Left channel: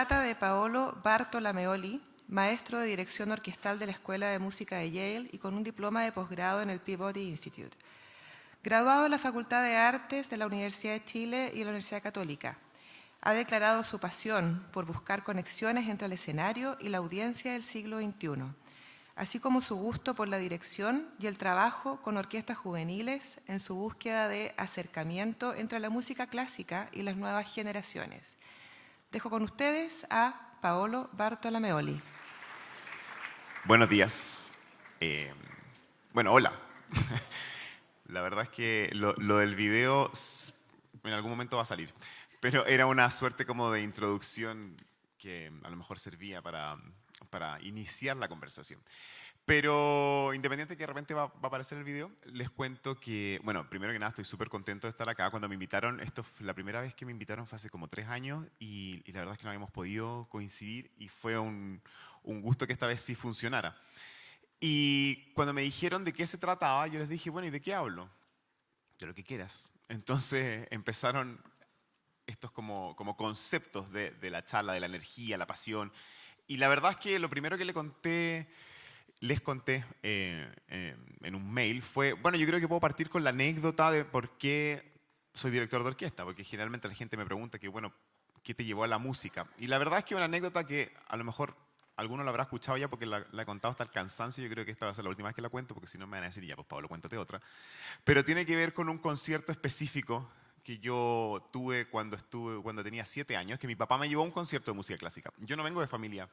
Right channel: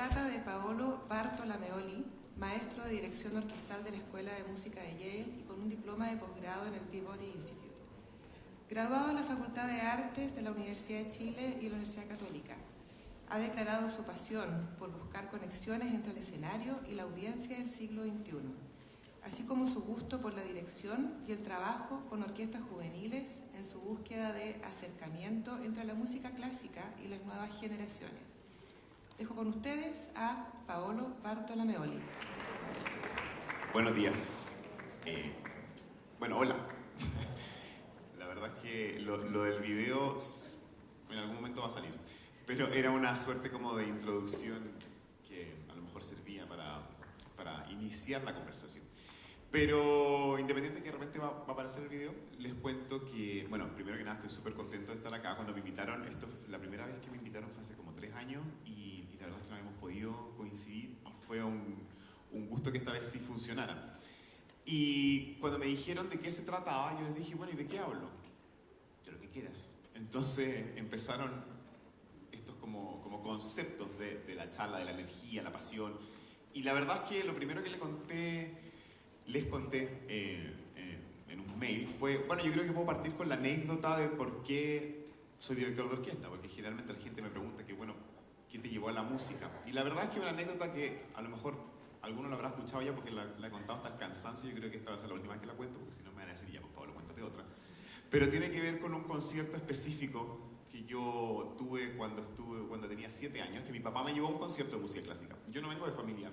trata de Paolo Bartolomeoli, maestro de dirección orquestal de la Escuela de Música de Yale y con un diploma de posgrado en el Peabody Institute. Graduado en la Facultad de Artes de la Universidad de Chile y la Universidad Católica, ha declarado su pasión por buscar conexiones entre el escenario y la audiencia del siglo XXI, así como su gusto por la dirección y el trabajo con orquestas juveniles en su búsqueda de acercamiento entre la música clásica y las nuevas generaciones. Dejo con ustedes a Paolo Bartolomeoli. Buenos días. Hola. La verdad es que lo del video en algún momento va a salir, pero era una suerte como de introducción que a lo mejor servía para iniciar la conversación. Pero independiente que de repente va a aparecer el video, les cuento que, bueno, primero que nada estoy súper contento de estar acá. Cuando me invitaron, la primera vez que me invitaron fue hace como 3 años y la verdad es que no habíamos podido coincidir y fue un gusto que esta vez sí funcionara. Y cuando me dijeron de qué se trataba, yo les dije, bueno, ¿y de qué hablo? De lo que quieras. Entonces empezaron estos como conceptos de la charla, de la energía, la pasión. Y la verdad es que lo primero que les conté en un mail fue, bueno, yo creo que puedo partir con la anécdota de por qué soy director de orquesta, porque generalmente la gente me pregunta que, bueno, ¿qué te llevó a la música? Y la verdad es que una anécdota que a lo mejor alguno lo habrá escuchado ya porque la he contado hasta el cansancio. Yo creo que esta va a ser la última vez que la cuento, porque si no me van a decir, ya, pues Pablo, cuéntate otra. Pero tiene que ver con un concierto específico que yo tuve cuando tenía 7 años, que mi papá me llevó a un concierto de música clásica. Yo no vengo de familia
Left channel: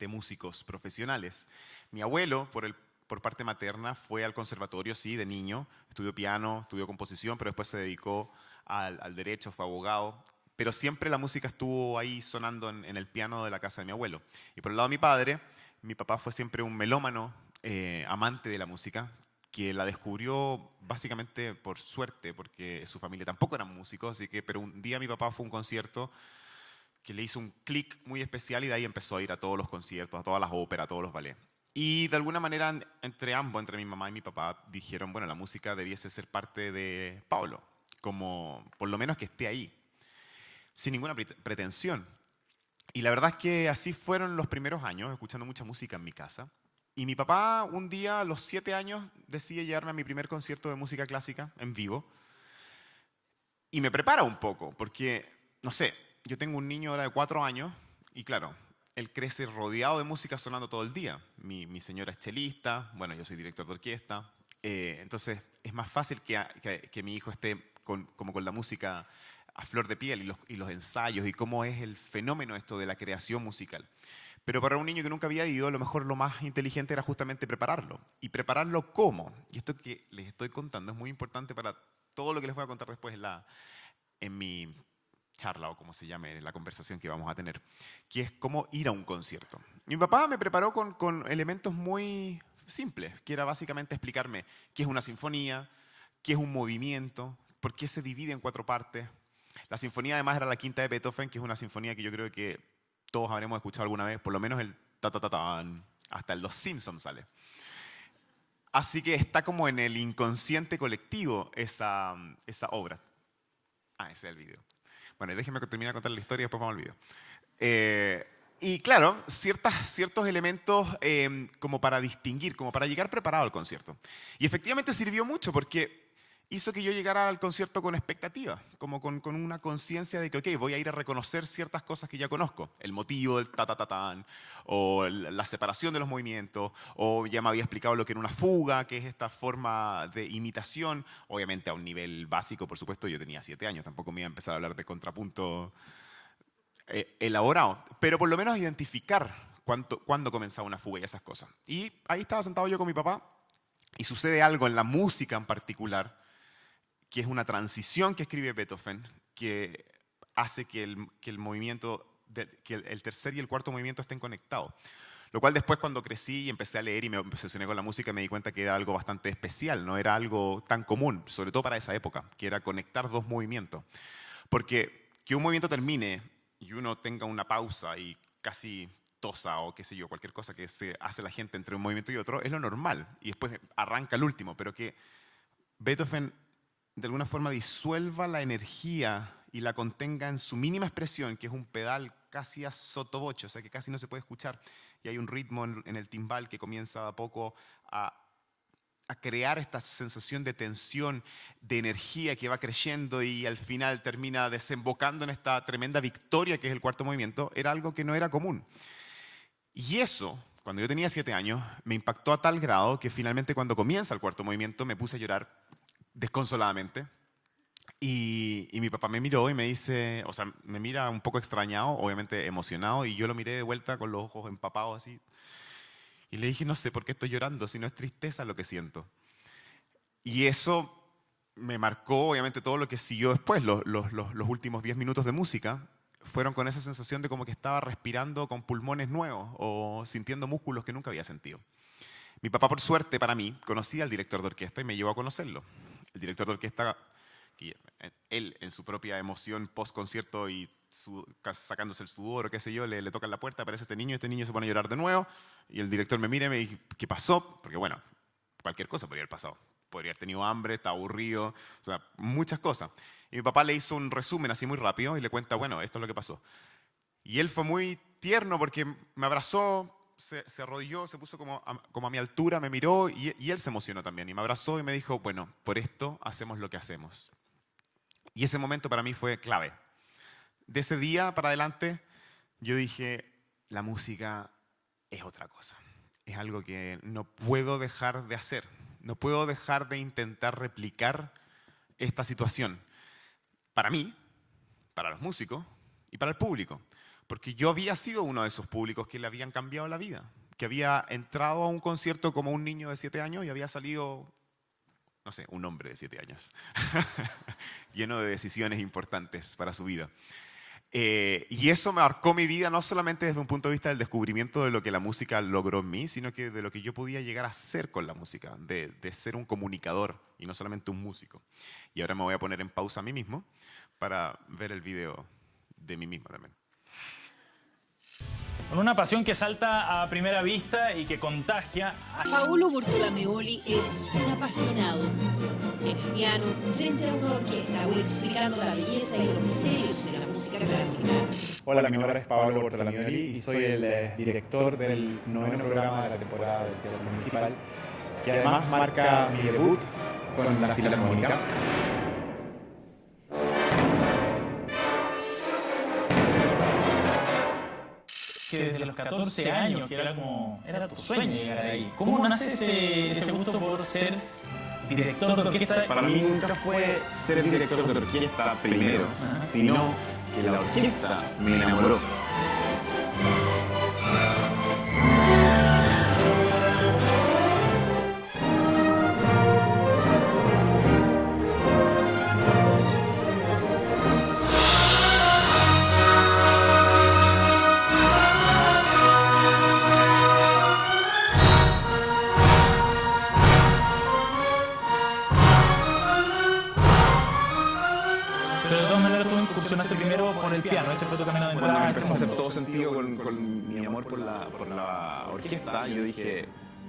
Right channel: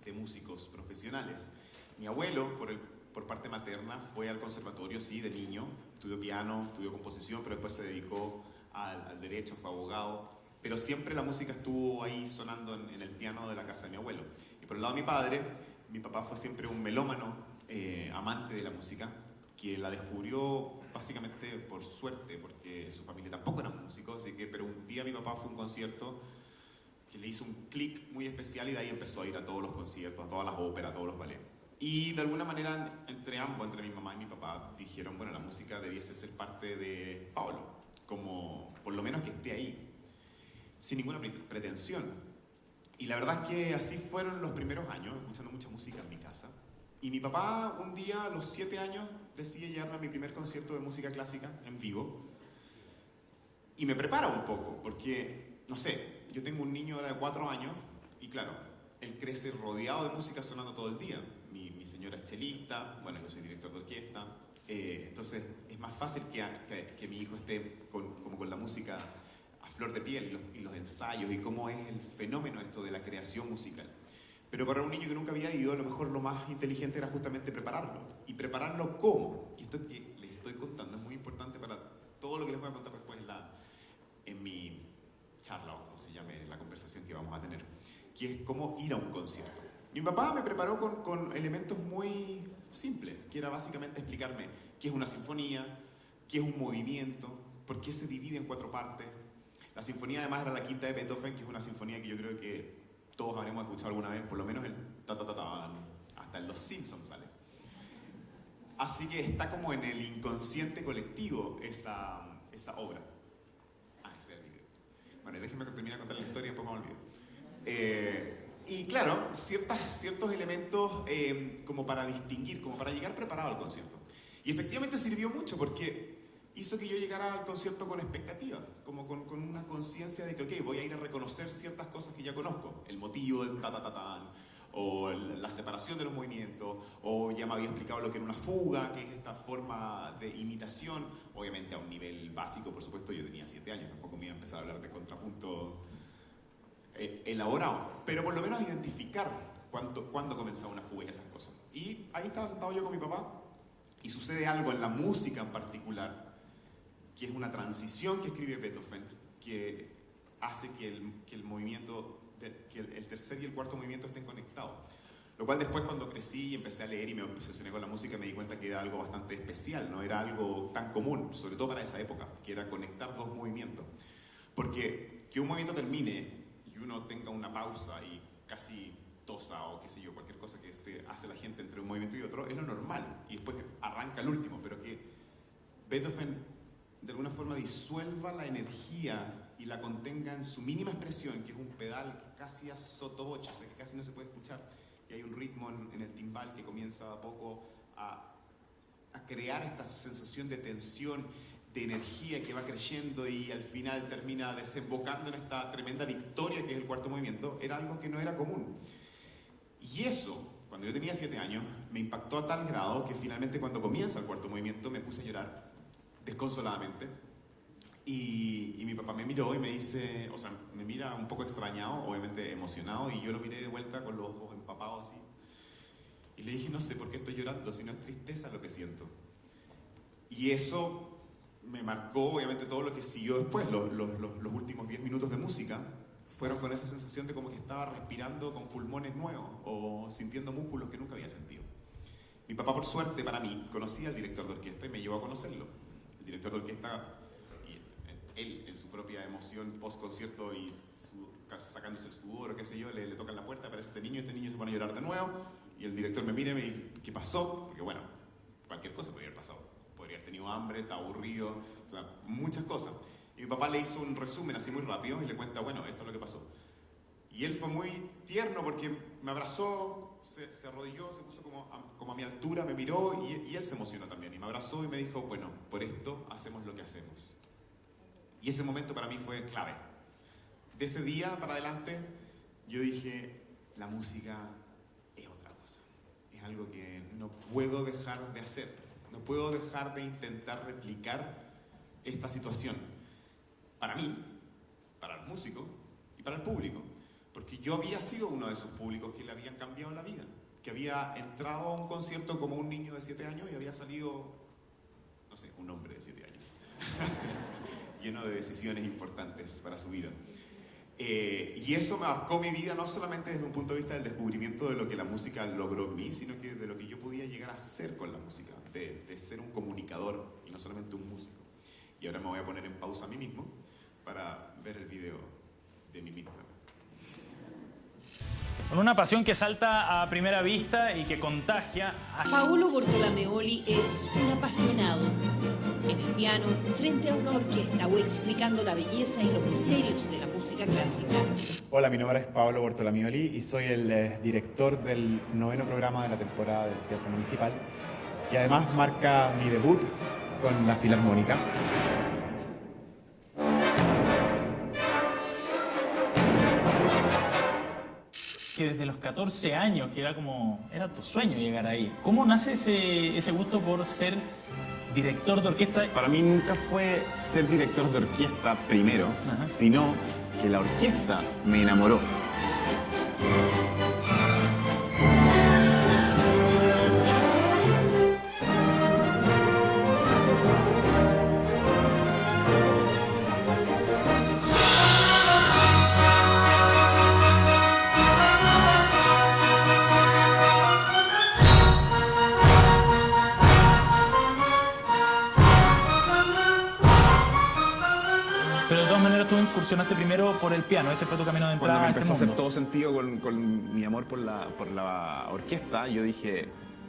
de músicos profesionales. Mi abuelo, por parte materna, fue al conservatorio, sí, de niño. Estudió piano, estudió composición, pero después se dedicó al derecho, fue abogado. Pero siempre la música estuvo ahí sonando en el piano de la casa de mi abuelo. Y por el lado de mi padre, mi papá fue siempre un melómano, amante de la música, que la descubrió básicamente por suerte, porque su familia tampoco era músico, pero un día mi papá fue a un concierto que le hizo un clic muy especial y de ahí empezó a ir a todos los conciertos, a todas las óperas, a todos los ballets. Y de alguna manera, entre mi mamá y mi papá, dijeron, bueno, la música debiese ser parte de Pablo, como por lo menos que esté ahí, sin ninguna pretensión. Y la verdad es que así fueron los primeros años, escuchando mucha música en mi casa. Y mi papá un día, a los 7 años, decide llevarme a mi primer concierto de música clásica en vivo. Y me prepara un poco, porque, no sé, yo tengo un niño de 4 años y claro, él crece rodeado de música sonando todo el día. Mi señora es chelista, bueno, yo soy director de orquesta. Entonces es más fácil que mi hijo esté con la música a flor de piel y los ensayos y cómo es el fenómeno esto de la creación musical. Pero para un niño que nunca había ido, a lo mejor lo más inteligente era justamente prepararlo. ¿Y prepararlo cómo? Y esto que les estoy contando es muy importante para todo lo que les voy a contar después en mi charla o como se llame la conversación que vamos a tener, que es cómo ir a un concierto. Mi papá me preparó con elementos muy simples, que era básicamente explicarme qué es una sinfonía, qué es un movimiento, por qué se divide en 4 partes. La sinfonía además era la quinta de Beethoven, que es una sinfonía que yo creo que todos habremos escuchado alguna vez, por lo menos el ta-ta-ta-tan, hasta en Los Simpsons sale. Así que está como en el inconsciente colectivo esa obra. Ese es el video. Bueno, déjenme terminar de contar la historia y después vamos al video. Y claro, ciertos elementos como para distinguir, como para llegar preparado al concierto. Y efectivamente sirvió mucho porque hizo que yo llegara al concierto con expectativa, como con una conciencia de que, ok, voy a ir a reconocer ciertas cosas que ya conozco. El motivo del ta-ta-ta-tan, o la separación de los movimientos, o ya me había explicado lo que era una fuga, que es esta forma de imitación, obviamente a un nivel básico, por supuesto. Yo tenía 7 años, tampoco me iba a empezar a hablar de contrapunto elaborado, pero por lo menos identificar cuándo comenzaba una fuga y esas cosas. Y ahí estaba sentado yo con mi papá, y sucede algo en la música en particular, que es una transición que escribe Beethoven, que hace que el movimiento, que el tercer y el cuarto movimiento estén conectados. Lo cual después cuando crecí y empecé a leer y me obsesioné con la música me di cuenta que era algo bastante especial, no era algo tan común, sobre todo para esa época, que era conectar 2 movimientos. Porque que un movimiento termine y uno tenga una pausa y casi tosa o qué sé yo, cualquier cosa que se hace la gente entre un movimiento y otro, es lo normal. Y después arranca el último, pero que Beethoven de alguna forma disuelva la energía y la contenga en su mínima expresión, que es un pedal casi a sottovoce, o sea que casi no se puede escuchar, y hay un ritmo en el timbal que comienza a poco a crear esta sensación de tensión, de energía que va creciendo y al final termina desembocando en esta tremenda victoria que es el cuarto movimiento, era algo que no era común. Y eso, cuando yo tenía 7 años, me impactó a tal grado que finalmente cuando comienza el cuarto movimiento me puse a llorar desconsoladamente. Y mi papá me miró y me dice, o sea, me mira un poco extrañado, obviamente emocionado, y yo lo miré de vuelta con los ojos empapados así. Y le dije, no sé por qué estoy llorando, si no es tristeza lo que siento. Y eso me marcó, obviamente, todo lo que siguió después. Los últimos 10 minutos de música fueron con esa sensación de como que estaba respirando con pulmones nuevos o sintiendo músculos que nunca había sentido. Mi papá, por suerte para mí, conocía al director de orquesta y me llevó a conocerlo. El director de orquesta, él en su propia emoción post-concierto y sacándose el sudor o qué sé yo, le toca en la puerta, aparece este niño se pone a llorar de nuevo y el director me mira y me dice, ¿qué pasó? Porque bueno, cualquier cosa podría haber pasado. Podría haber tenido hambre, está aburrido, o sea, muchas cosas. Y mi papá le hizo un resumen así muy rápido y le cuenta, bueno, esto es lo que pasó. Y él fue muy tierno porque me abrazó, se arrodilló, se puso como a mi altura, me miró y él se emocionó también. Y me abrazó y me dijo, bueno, por esto hacemos lo que hacemos. Y ese momento para mí fue clave. De ese día para adelante, yo dije, la música es otra cosa. Es algo que no puedo dejar de hacer. No puedo dejar de intentar replicar esta situación. Para mí, para los músicos y para el público. Porque yo había sido uno de esos públicos que le habían cambiado la vida. Que había entrado a un concierto como un niño de 7 años y había salido, no sé, un hombre de 7 años. Lleno de decisiones importantes para su vida. Y eso marcó mi vida no solamente desde un punto de vista del descubrimiento de lo que la música logró en mí, sino que de lo que yo podía llegar a ser con la música, de ser un comunicador y no solamente un músico. Y ahora me voy a poner en pausa a mí mismo para ver el video de mí mismo también. Con una pasión que salta a primera vista y que contagia. Paolo Bortolameoli es un apasionado. En el piano, frente a una orquesta o explicando la belleza y los misterios de la música clásica. Hola, mi nombre es Paolo Bortolameoli y soy el director del 9º programa de la temporada del Teatro Municipal, que además marca mi debut con la Filarmónica. Que desde los 14 años, que era tu sueño llegar ahí. ¿Cómo nace ese gusto por ser director de orquesta? Para mí nunca fue ser director de orquesta primero, sino que la orquesta me enamoró. Pero de todas maneras tú incursionaste primero por el piano, ese fue tu camino de entrada. Cuando me a este empezó a hacer mundo. todo sentido con mi amor por la orquesta, yo dije,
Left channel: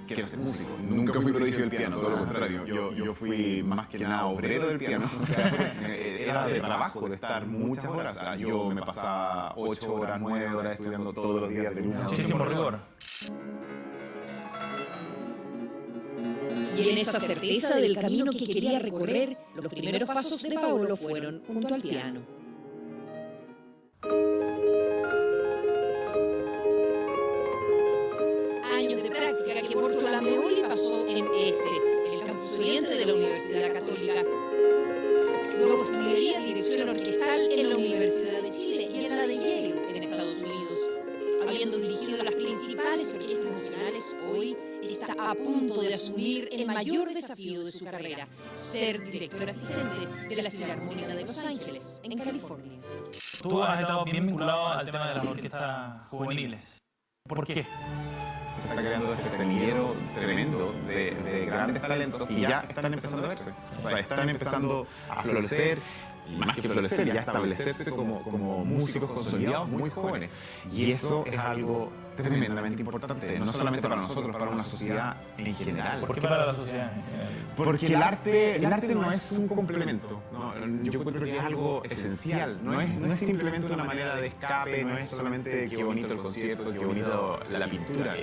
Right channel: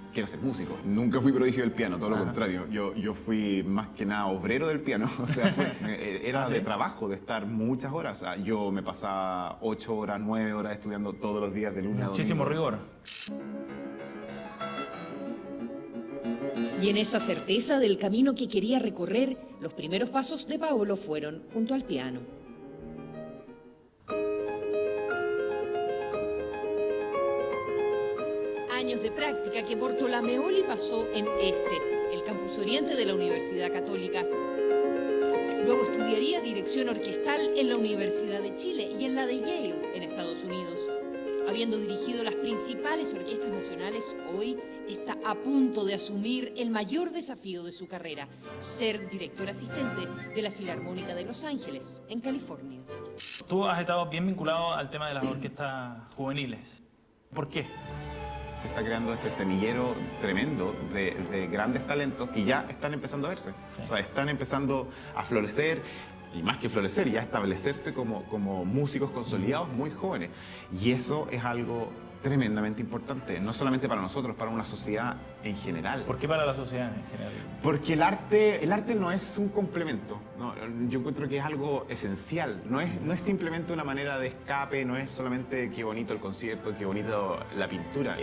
quiero ser músico. Nunca fui prodigio del piano, todo lo contrario. Yo fui más que nada obrero del piano. O sea, era de trabajo, de estar muchas horas. O sea, yo me pasaba 8 horas, 9 horas estudiando todos los días de lunes a Muchísimo domingo. rigor. Y en esa certeza del camino que quería recorrer, los primeros pasos de Paolo fueron junto al piano. Años de práctica que Bortolameoli pasó en el campus oriente de la Universidad Católica. Luego estudiaría dirección orquestal en la Universidad de Chile y en la de Yale, en Estados Unidos. Habiendo dirigido las principales orquestas nacionales, hoy está a punto de asumir el mayor desafío de su carrera, ser director asistente de la Filarmónica de Los Ángeles, en California. Tú has estado bien vinculado al tema de las orquestas juveniles. ¿Por qué? Se está creando este semillero tremendo de grandes talentos que ya están empezando a verse. O sea, están empezando a florecer, y más que florecer, ya establecerse como músicos consolidados muy jóvenes. Y eso es algo tremendamente importante, no solamente para nosotros, para una sociedad en general. ¿Por qué para la sociedad en general? Porque el arte no es un complemento, ¿no? Yo encuentro que es algo esencial, no es simplemente una manera de escape, no es solamente qué bonito el concierto, qué bonito la pintura.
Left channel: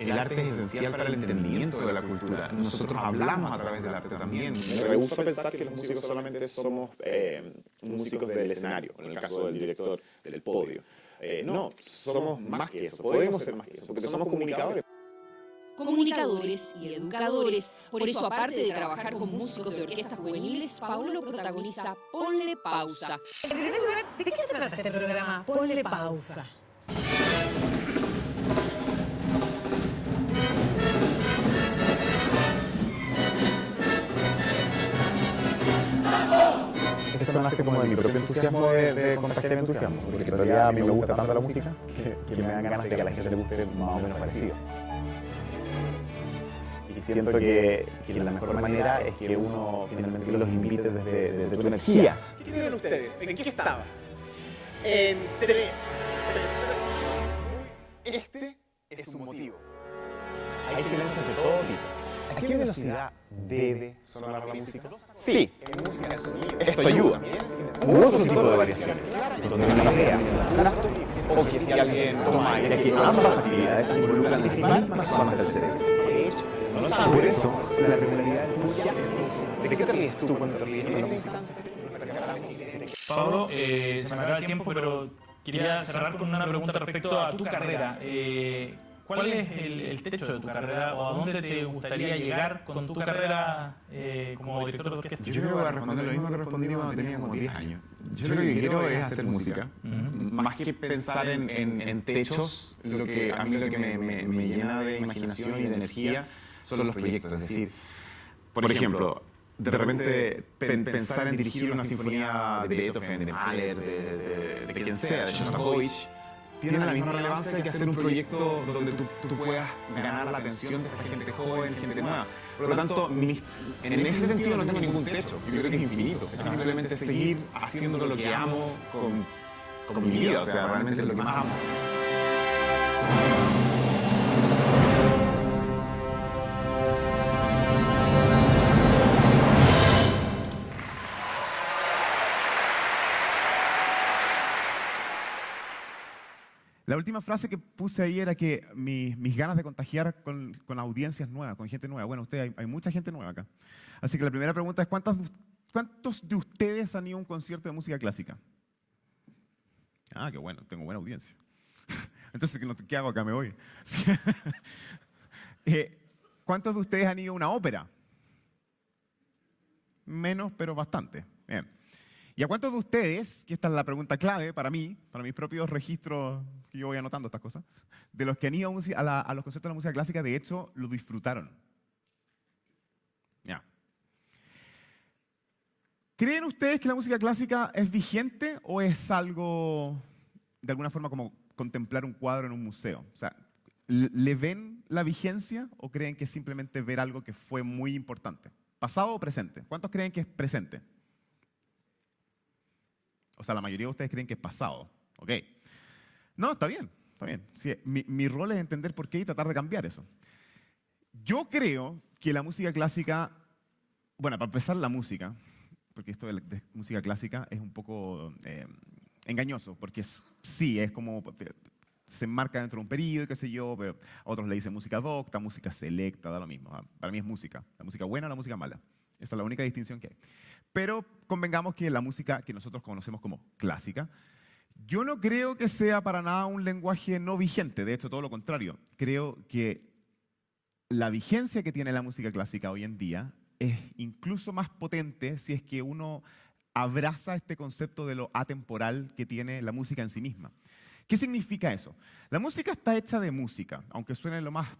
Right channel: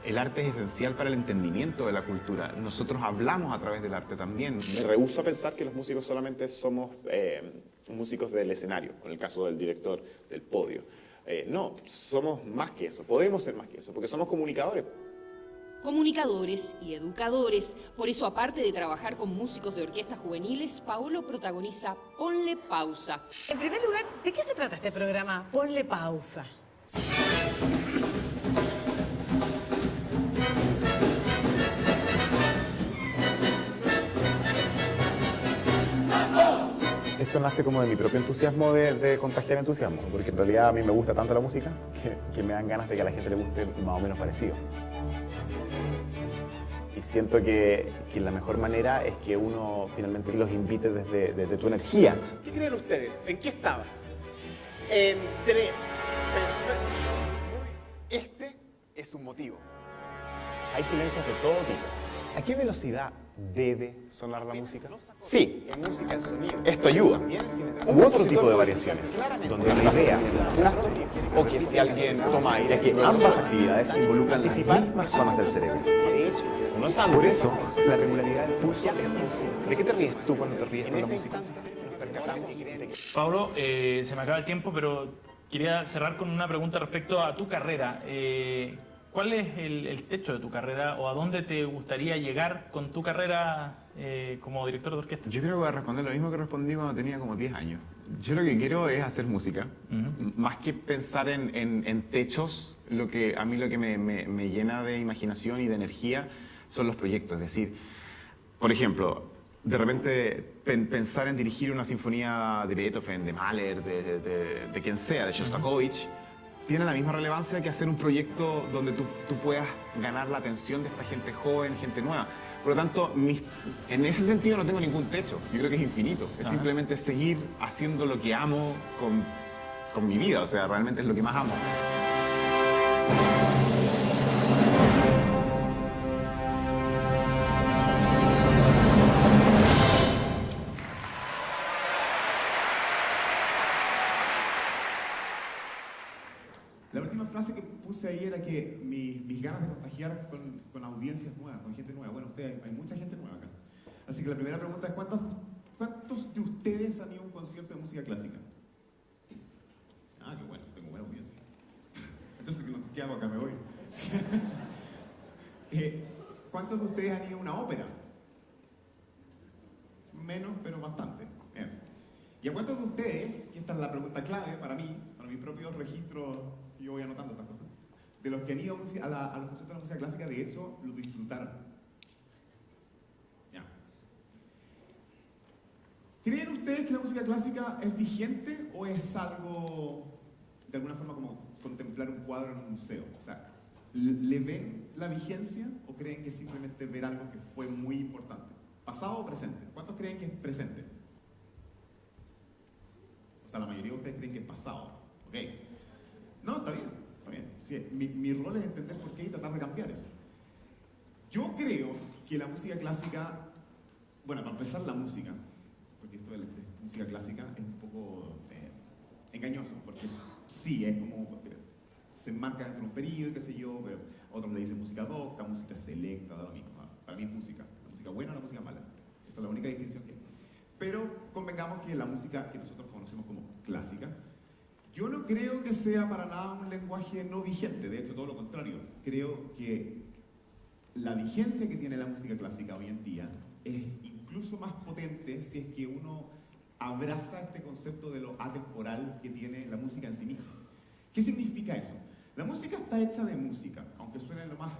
El arte es esencial para el entendimiento de la cultura. Nosotros hablamos a través del arte también. Me rehúso a pensar que los músicos solamente somos músicos del escenario, en el caso del director del podio. No, somos más que eso, podemos ser más que eso, porque somos comunicadores. Comunicadores y educadores. Por eso, aparte de trabajar con músicos de orquestas juveniles, Paolo protagoniza Ponle Pausa. En primer lugar, ¿de qué se trata este programa? Ponle pausa. Esto nace como de mi propio entusiasmo de contagiar entusiasmo, porque en realidad a mí me gusta tanto la música que me dan ganas de que a la gente le guste más o menos parecido. Y siento que la mejor manera es que uno finalmente los invite desde tu energía. ¿Qué creen ustedes? ¿En qué estaba? En 3. Este es un motivo. Hay silencios de todo tipo. ¿A qué velocidad debe sonar la música? Sí, en música, el sonido. Esto ayuda. U otro tipo de variaciones, donde una idea, o que si alguien toma aire, que ambas actividades involucran las mismas zonas del cerebro. De hecho, no es por eso la regularidad del pulso es música. ¿De qué te ríes tú cuando te ríes con la música? Pablo, se me acaba el tiempo, pero quería cerrar con una pregunta respecto a tu carrera. ¿Cuál es el techo de tu carrera o a dónde te gustaría llegar con tu carrera como director de orquesta? Yo creo que voy a responder lo mismo que respondí cuando tenía como 10 años. Yo lo que quiero es hacer música. Más que pensar en techos, a mí lo que me llena de imaginación y de energía son los proyectos. Es decir, por ejemplo, de repente pensar en dirigir una sinfonía de Beethoven, de Mahler, de quien sea, de Shostakovich, tiene la misma relevancia que hacer un proyecto donde tú puedas ganar la atención de esta gente joven, gente nueva. Por lo tanto, en ese sentido no tengo ningún techo. Yo creo que es infinito. Es simplemente seguir haciendo lo que amo con mi vida. O sea, realmente es lo que más amo. La última frase que puse ahí era que mis ganas de contagiar con audiencias nuevas, con gente nueva. Bueno, hay mucha gente nueva acá. Así que la primera pregunta es, ¿cuántos de ustedes han ido a un concierto de música clásica? Ah, qué bueno, tengo buena audiencia. Entonces, ¿qué hago acá? Me voy. ¿Cuántos de ustedes han ido a una ópera? Menos, pero bastante. Bien. ¿Y a cuántos de ustedes, que esta es la pregunta clave para mí, para mis propios registros, que yo voy anotando estas cosas, de los que han ido a los conciertos de la música clásica, de hecho, lo disfrutaron? Ya. ¿Creen ustedes que la música clásica es vigente o es algo, de alguna forma, como contemplar un cuadro en un museo? O sea, ¿le ven la vigencia o creen que es simplemente ver algo que fue muy importante? ¿Pasado o presente? ¿Cuántos creen que es presente? O sea, la mayoría de ustedes creen que es pasado. ¿Ok? No, está bien, está bien. Sí, mi rol es entender por qué y tratar de cambiar eso. Yo creo que la música clásica, bueno, para empezar la música, porque esto de música clásica es un poco engañoso, porque sí, es como, se enmarca dentro de un periodo, qué sé yo, pero a otros le dicen música docta, música selecta, da lo mismo. Para mí es música, la música buena o la música mala. Esa es la única distinción que hay. Pero convengamos que la música que nosotros conocemos como clásica, yo no creo que sea para nada un lenguaje no vigente, de hecho todo lo contrario. Creo que la vigencia que tiene la música clásica hoy en día es incluso más potente si es que uno abraza este concepto de lo atemporal que tiene la música en sí misma. ¿Qué significa eso? La música está hecha de música, aunque suene lo más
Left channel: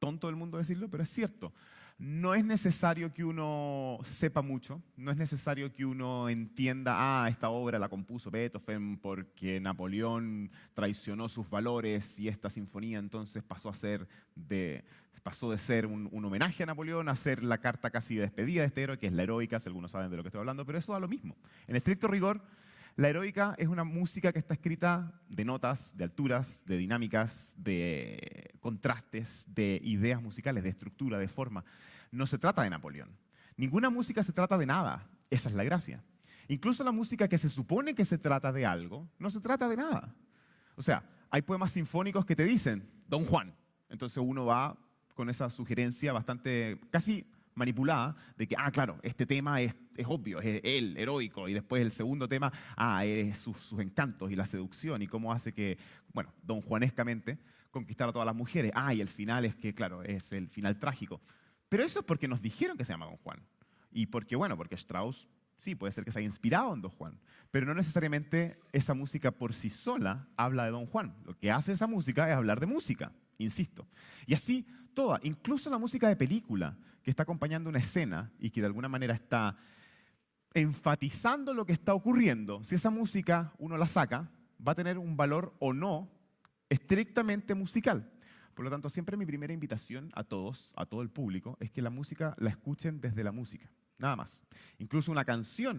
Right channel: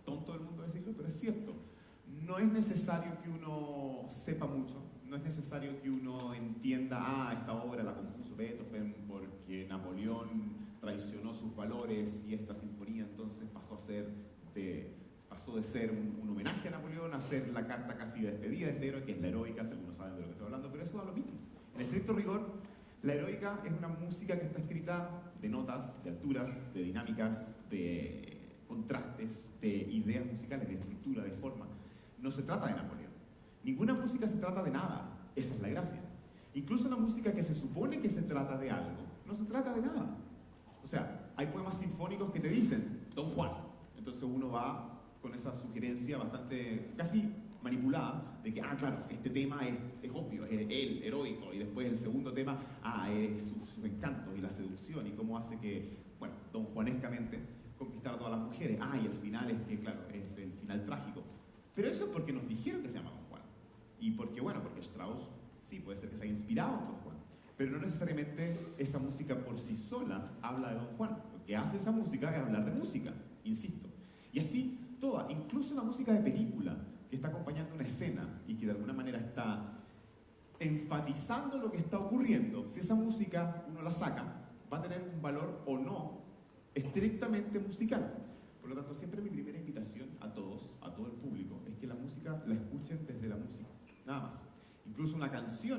tonto del mundo decirlo, pero es cierto. No es necesario que uno sepa mucho, no es necesario que uno entienda, esta obra la compuso Beethoven porque Napoleón traicionó sus valores y esta sinfonía entonces pasó de ser un homenaje a Napoleón a ser la carta casi de despedida de este héroe, que es la heroica, si algunos saben de lo que estoy hablando, pero eso da lo mismo. En estricto rigor, La heroica es una música que está escrita de notas, de alturas, de dinámicas, de contrastes, de ideas musicales, de estructura, de forma. No se trata de Napoleón. Ninguna música se trata de nada. Esa es la gracia. Incluso la música que se supone que se trata de algo, no se trata de nada. O sea, hay poemas sinfónicos que te dicen Don Juan. Entonces uno va con esa sugerencia bastante, casi manipulada, de que, claro, este tema es obvio, es él, heroico, y después el segundo tema, es sus encantos y la seducción, y cómo hace que, bueno, don Juanescamente conquistar a todas las mujeres. Y el final es que, claro, es el final trágico. Pero eso es porque nos dijeron que se llama Don Juan. Y porque, bueno, porque Strauss, sí, puede ser que se haya inspirado en Don Juan, pero no necesariamente esa música por sí sola habla de Don Juan. Lo que hace esa música es hablar de música, insisto. Y así toda, incluso la música de película, que está acompañando una escena y que de alguna manera está enfatizando lo que está ocurriendo, si esa música uno la saca, va a tener un valor o no estrictamente musical. Por lo tanto, siempre mi primera invitación a todos, a todo el público, es que la música la escuchen desde la música, nada más. Incluso una canción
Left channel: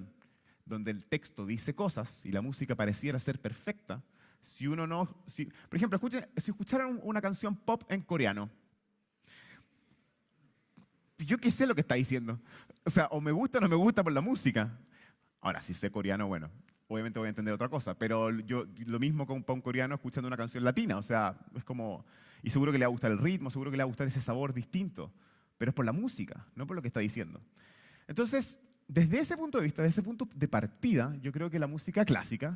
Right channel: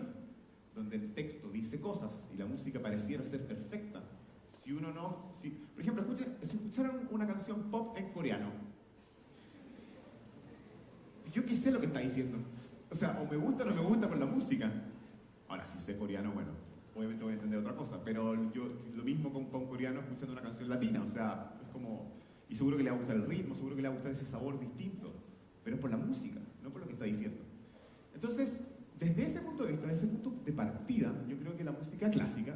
donde el texto dice cosas y la música pareciera ser perfecta, si uno no... por ejemplo, si escucharon una canción pop en coreano, yo qué sé lo que está diciendo. O sea, o me gusta o no me gusta por la música. Ahora, si sé coreano, bueno, obviamente voy a entender otra cosa, pero yo lo mismo con un coreano escuchando una canción latina, o sea, es como... Y seguro que le va a gustar el ritmo, seguro que le va a gustar ese sabor distinto, pero es por la música, no por lo que está diciendo. Entonces, desde ese punto de vista, desde ese punto de partida, yo creo que la música clásica,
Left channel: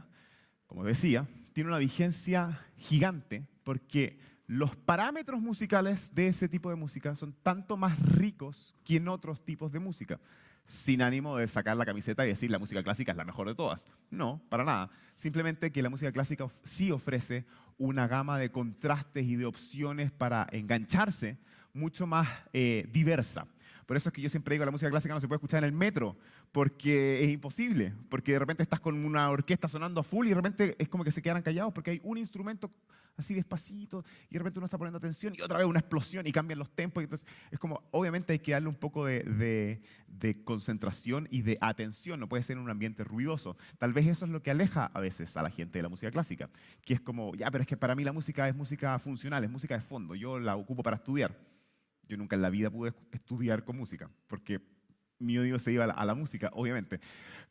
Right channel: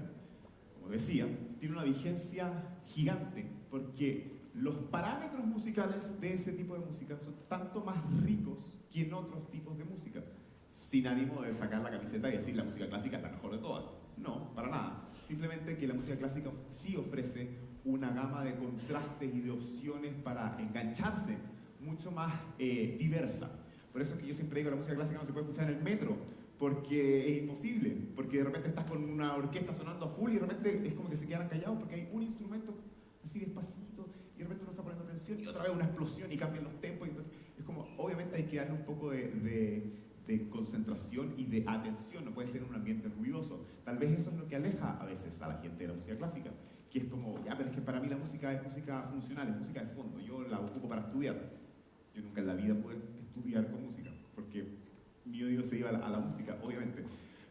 como decía, tiene una vigencia gigante porque los parámetros musicales de ese tipo de música son tanto más ricos que en otros tipos de música. Sin ánimo de sacar la camiseta y decir la música clásica es la mejor de todas. No, para nada. Simplemente que la música clásica sí ofrece una gama de contrastes y de opciones para engancharse mucho más diversa. Por eso es que yo siempre digo que la música clásica no se puede escuchar en el metro, porque es imposible, porque de repente estás con una orquesta sonando a full y de repente es como que se quedan callados porque hay un instrumento así despacito y de repente uno está poniendo atención y otra vez una explosión y cambian los tempos. Y entonces es como, obviamente hay que darle un poco de concentración y de atención, no puede ser en un ambiente ruidoso. Tal vez eso es lo que aleja a veces a la gente de la música clásica, que es como, pero es que para mí la música es música funcional, es música de fondo, yo la ocupo para estudiar. Yo nunca en la vida pude estudiar con música, porque mi oído se iba a la música, obviamente.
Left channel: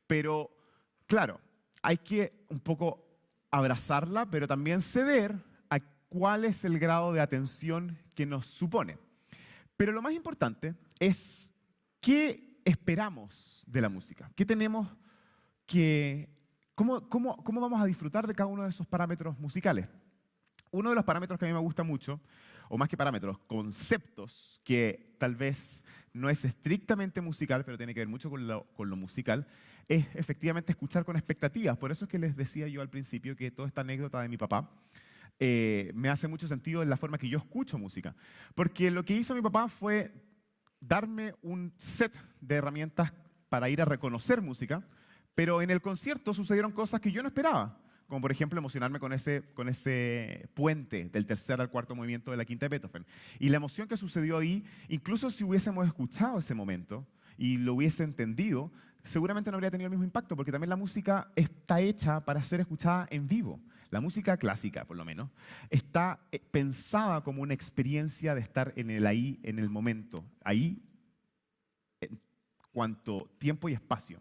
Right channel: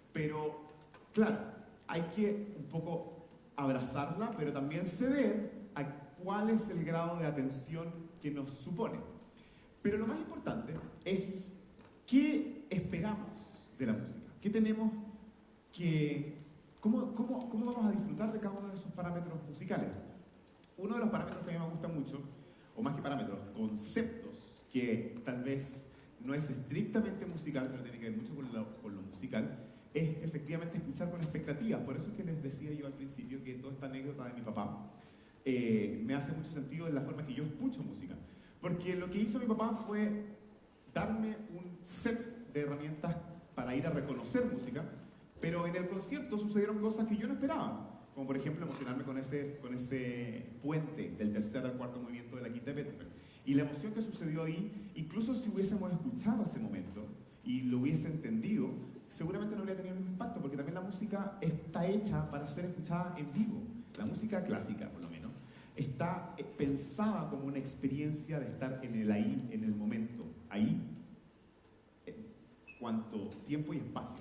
Pero, claro, hay que un poco abrazarla, pero también ceder a cuál es el grado de atención que nos supone. Pero lo más importante es qué esperamos de la música, qué tenemos que... ¿Cómo vamos a disfrutar de cada uno de esos parámetros musicales? Uno de los parámetros que a mí me gusta mucho, o más que parámetros, conceptos, que tal vez no es estrictamente musical, pero tiene que ver mucho con lo musical, es efectivamente escuchar con expectativas. Por eso es que les decía yo al principio que toda esta anécdota de mi papá me hace mucho sentido en la forma que yo escucho música. Porque lo que hizo mi papá fue darme un set de herramientas para ir a reconocer música, pero en el concierto sucedieron cosas que yo no esperaba. Como por ejemplo emocionarme con ese puente del tercer al cuarto movimiento de la quinta de Beethoven. Y la emoción que sucedió ahí, incluso si hubiésemos escuchado ese momento y lo hubiese entendido, seguramente no habría tenido el mismo impacto, porque también la música está hecha para ser escuchada en vivo. La música clásica, por lo menos, está pensada como una experiencia de estar en el ahí, en el momento. Ahí, cuanto tiempo y espacio.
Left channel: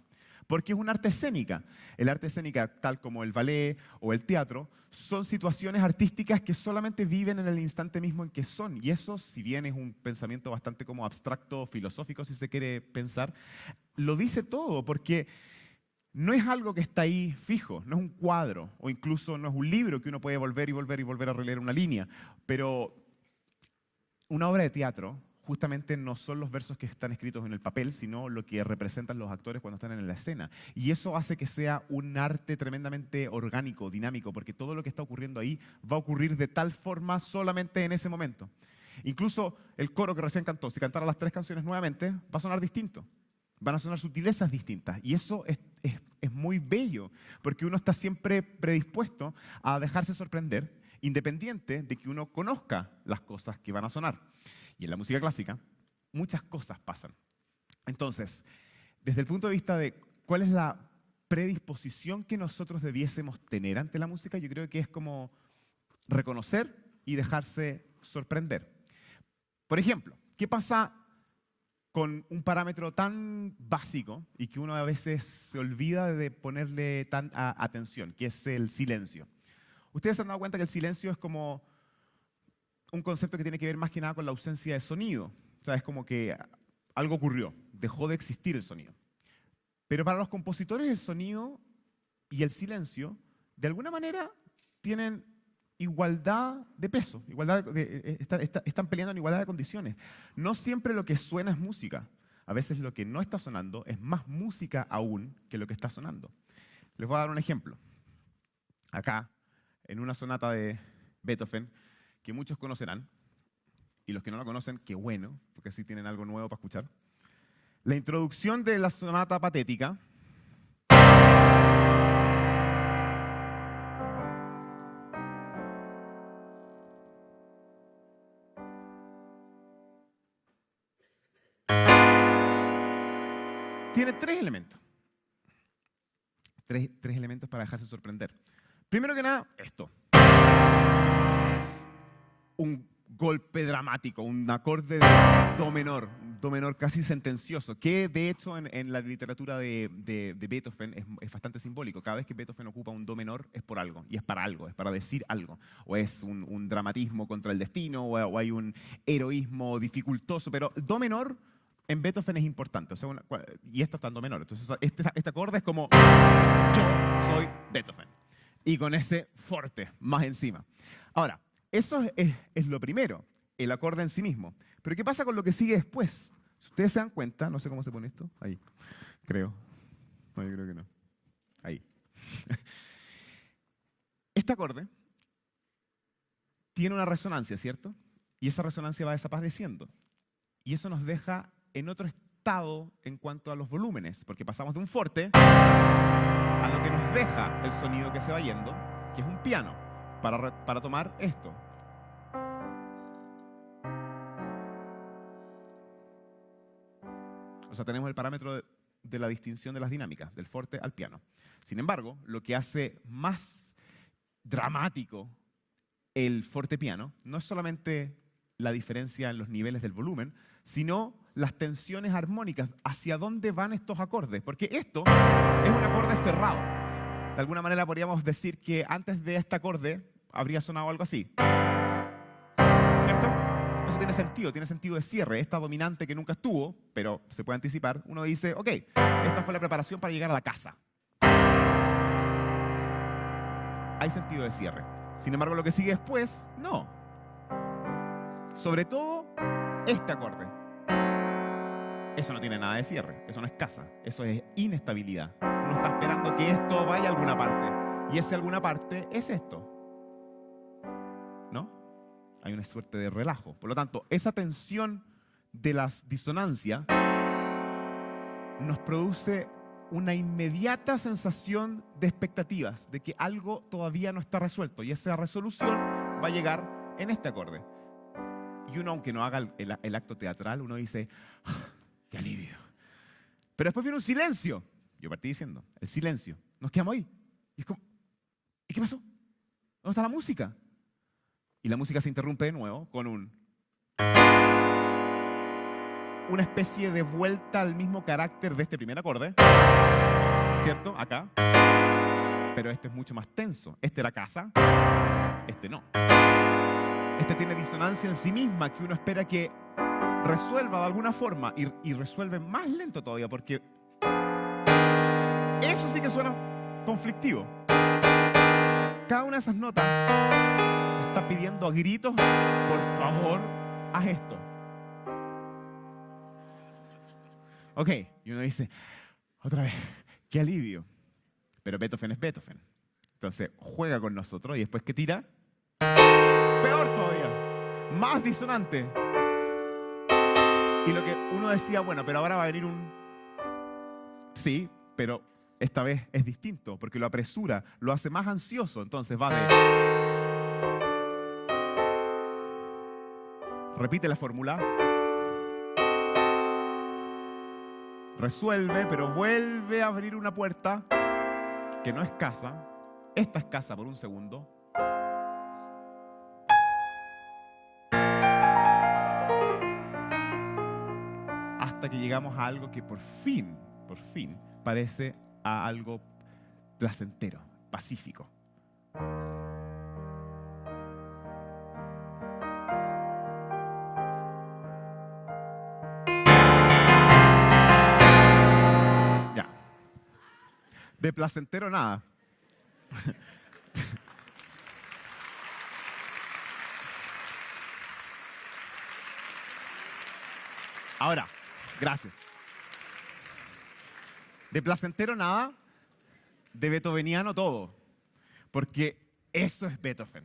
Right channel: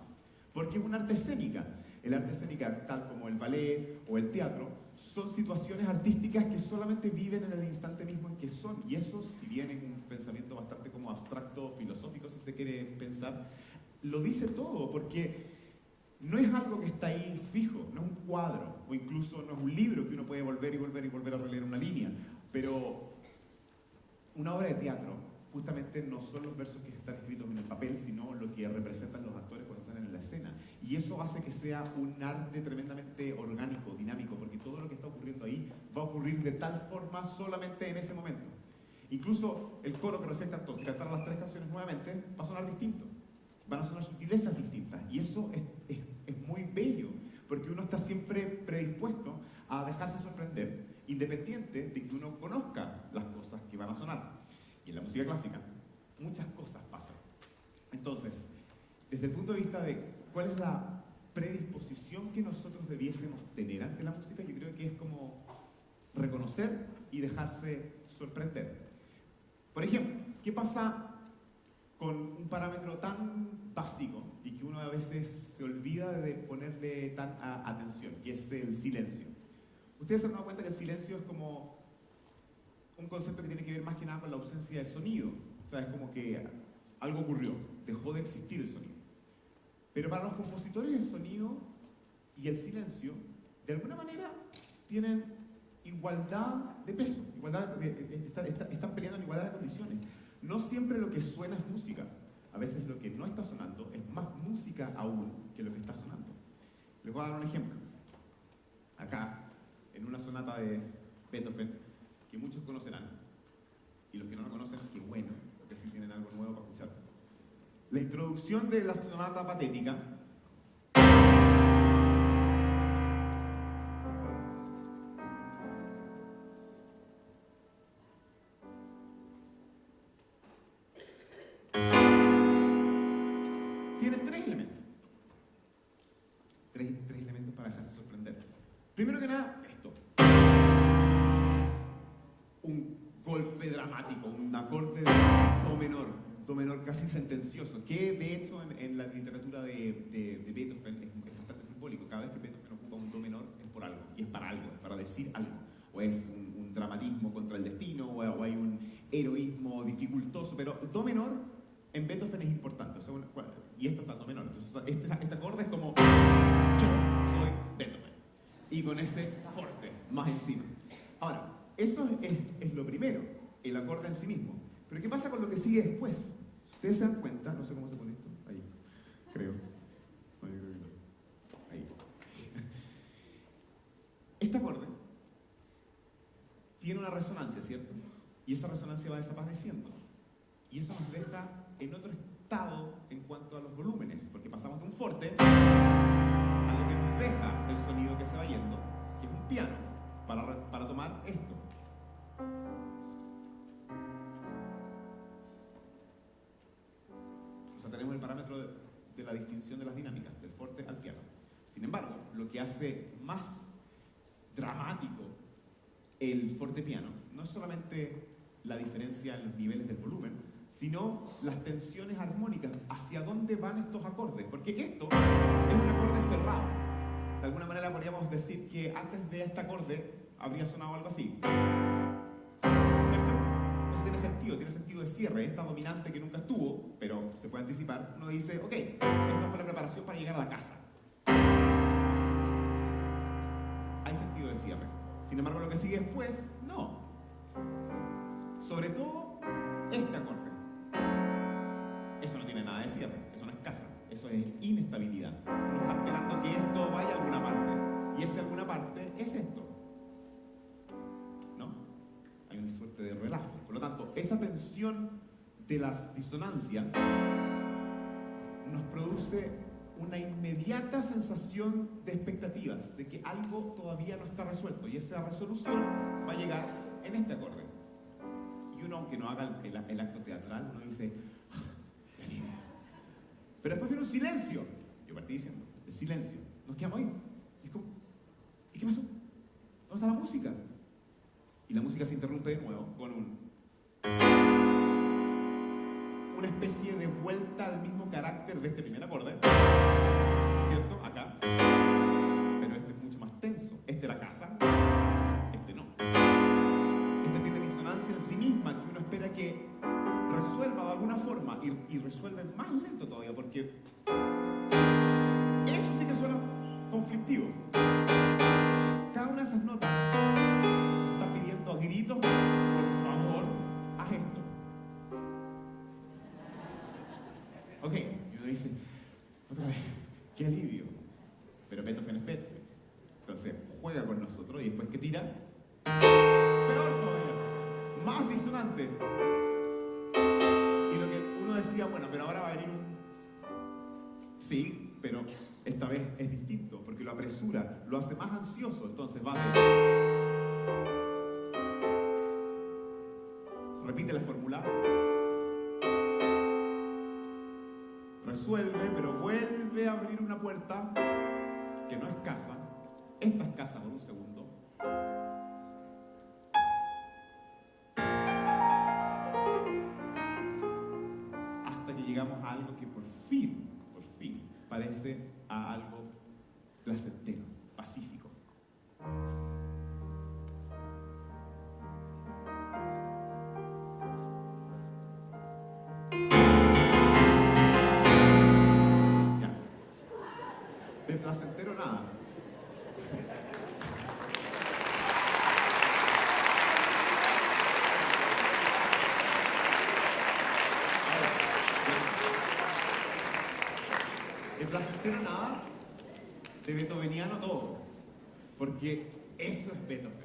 Porque es un arte escénica. El arte escénica, tal como el ballet o el teatro, son situaciones artísticas que solamente viven en el instante mismo en que son. Y eso, si bien es un pensamiento bastante como abstracto, filosófico, si se quiere pensar, lo dice todo, porque no es algo que está ahí fijo, no es un cuadro, o incluso no es un libro que uno puede volver y volver y volver a releer una línea. Pero una obra de teatro justamente no son los versos que están escritos en el papel, sino lo que representan los actores cuando están en la escena. Y eso hace que sea un arte tremendamente orgánico, dinámico, porque todo lo que está ocurriendo ahí va a ocurrir de tal forma solamente en ese momento. Incluso el coro que recién cantó, si cantara las 3 canciones nuevamente, va a sonar distinto. Van a sonar sutilezas distintas. Y eso es muy bello, porque uno está siempre predispuesto a dejarse sorprender, independiente de que uno conozca las cosas que van a sonar. Y en la música clásica, muchas cosas pasan. Entonces, desde el punto de vista de cuál es la predisposición que nosotros debiésemos tener ante la música. Yo creo que es como reconocer y dejarse sorprender. Por ejemplo, ¿qué pasa con un parámetro tan básico y que uno a veces se olvida de ponerle tanta atención, que es el silencio? Ustedes se han dado cuenta que el silencio es como un concepto que tiene que ver más que nada con la ausencia de sonido. O sea, es como que algo ocurrió, dejó de existir el sonido. Pero para los compositores el sonido y el silencio, de alguna manera, tienen igualdad de peso, están peleando en igualdad de condiciones. No siempre lo que suena es música. A veces lo que no está sonando es más música aún que lo que está sonando. Les voy a dar un ejemplo. Acá, en una sonata de Beethoven, que muchos conocerán, y los que no la conocen, qué bueno, porque así tienen algo nuevo para escuchar. La introducción de la sonata patética tiene tres elementos. Tres elementos para dejarse sorprender. Primero que nada, esto. Un golpe dramático, un acorde de do menor casi sentencioso, que de hecho en la literatura de Beethoven es bastante simbólico. Cada vez que Beethoven ocupa un do menor es por algo, y es para algo, es para decir algo. O es un dramatismo contra el destino, o hay un heroísmo dificultoso, pero do menor en Beethoven es importante, o sea, y esto está en do menor. Entonces este acorde es como yo soy Beethoven, y con ese forte más encima. Ahora, eso es lo primero, el acorde en sí mismo. Pero ¿qué pasa con lo que sigue después? Si ustedes se dan cuenta, no sé cómo se pone esto, ahí, creo. No, yo creo que no. Ahí. Este acorde tiene una resonancia, ¿cierto? Y esa resonancia va desapareciendo. Y eso nos deja en otro estado en cuanto a los volúmenes, porque pasamos de un forte a lo que nos deja el sonido que se va yendo, que es un piano, para tomar esto. O sea, tenemos el parámetro de la distinción de las dinámicas, del forte al piano. Sin embargo, lo que hace más dramático el forte piano no es solamente la diferencia en los niveles del volumen, sino las tensiones armónicas, hacia dónde van estos acordes. Porque esto es un acorde cerrado. De alguna manera podríamos decir que antes de este acorde habría sonado algo así. ¿Cierto? Eso tiene sentido de cierre. Esta dominante que nunca estuvo, pero se puede anticipar, uno dice, ok, esta fue la preparación para llegar a la casa. Hay sentido de cierre. Sin embargo, lo que sigue después, no. Sobre todo, este acorde. Eso no tiene nada de cierre, eso no es casa, eso es inestabilidad. Uno está esperando que esto vaya a alguna parte. Y ese alguna parte es esto. ¿No? Hay una suerte de relajo. Por lo tanto, esa tensión de las disonancias nos produce una inmediata sensación de expectativas, de que algo todavía no está resuelto. Y esa resolución va a llegar en este acorde. Y uno, aunque no haga el acto teatral, uno dice, ¡ah, qué alivio! Pero después viene un silencio. Yo partí diciendo, el silencio. Nos quedamos ahí. Y es como, ¿y qué pasó? ¿Dónde está la música? Y la música se interrumpe de nuevo con una especie de vuelta al mismo carácter de este primer acorde, ¿cierto? Acá. Pero este es mucho más tenso. Este era casa, este no. Este tiene disonancia en sí misma que uno espera que resuelva de alguna forma y resuelve más lento todavía, porque eso sí que suena conflictivo. Cada una de esas notas está pidiendo a gritos, por favor, haz esto. Ok, y uno dice, otra vez, qué alivio. Pero Beethoven es Beethoven. Entonces juega con nosotros y después que tira, peor todavía, más disonante. Y lo que uno decía, bueno, pero ahora va a venir un... Sí, pero esta vez es distinto, porque lo apresura, lo hace más ansioso. Entonces va de... Repite la fórmula. resuelve, pero vuelve a abrir una puerta que no es casa. Esta es casa por un segundo. Hasta que llegamos a algo que por fin, parece a algo placentero, pacífico. Ya. De placentero nada. Ahora, gracias. De placentero nada, de beethoveniano todo. Porque eso es Beethoven.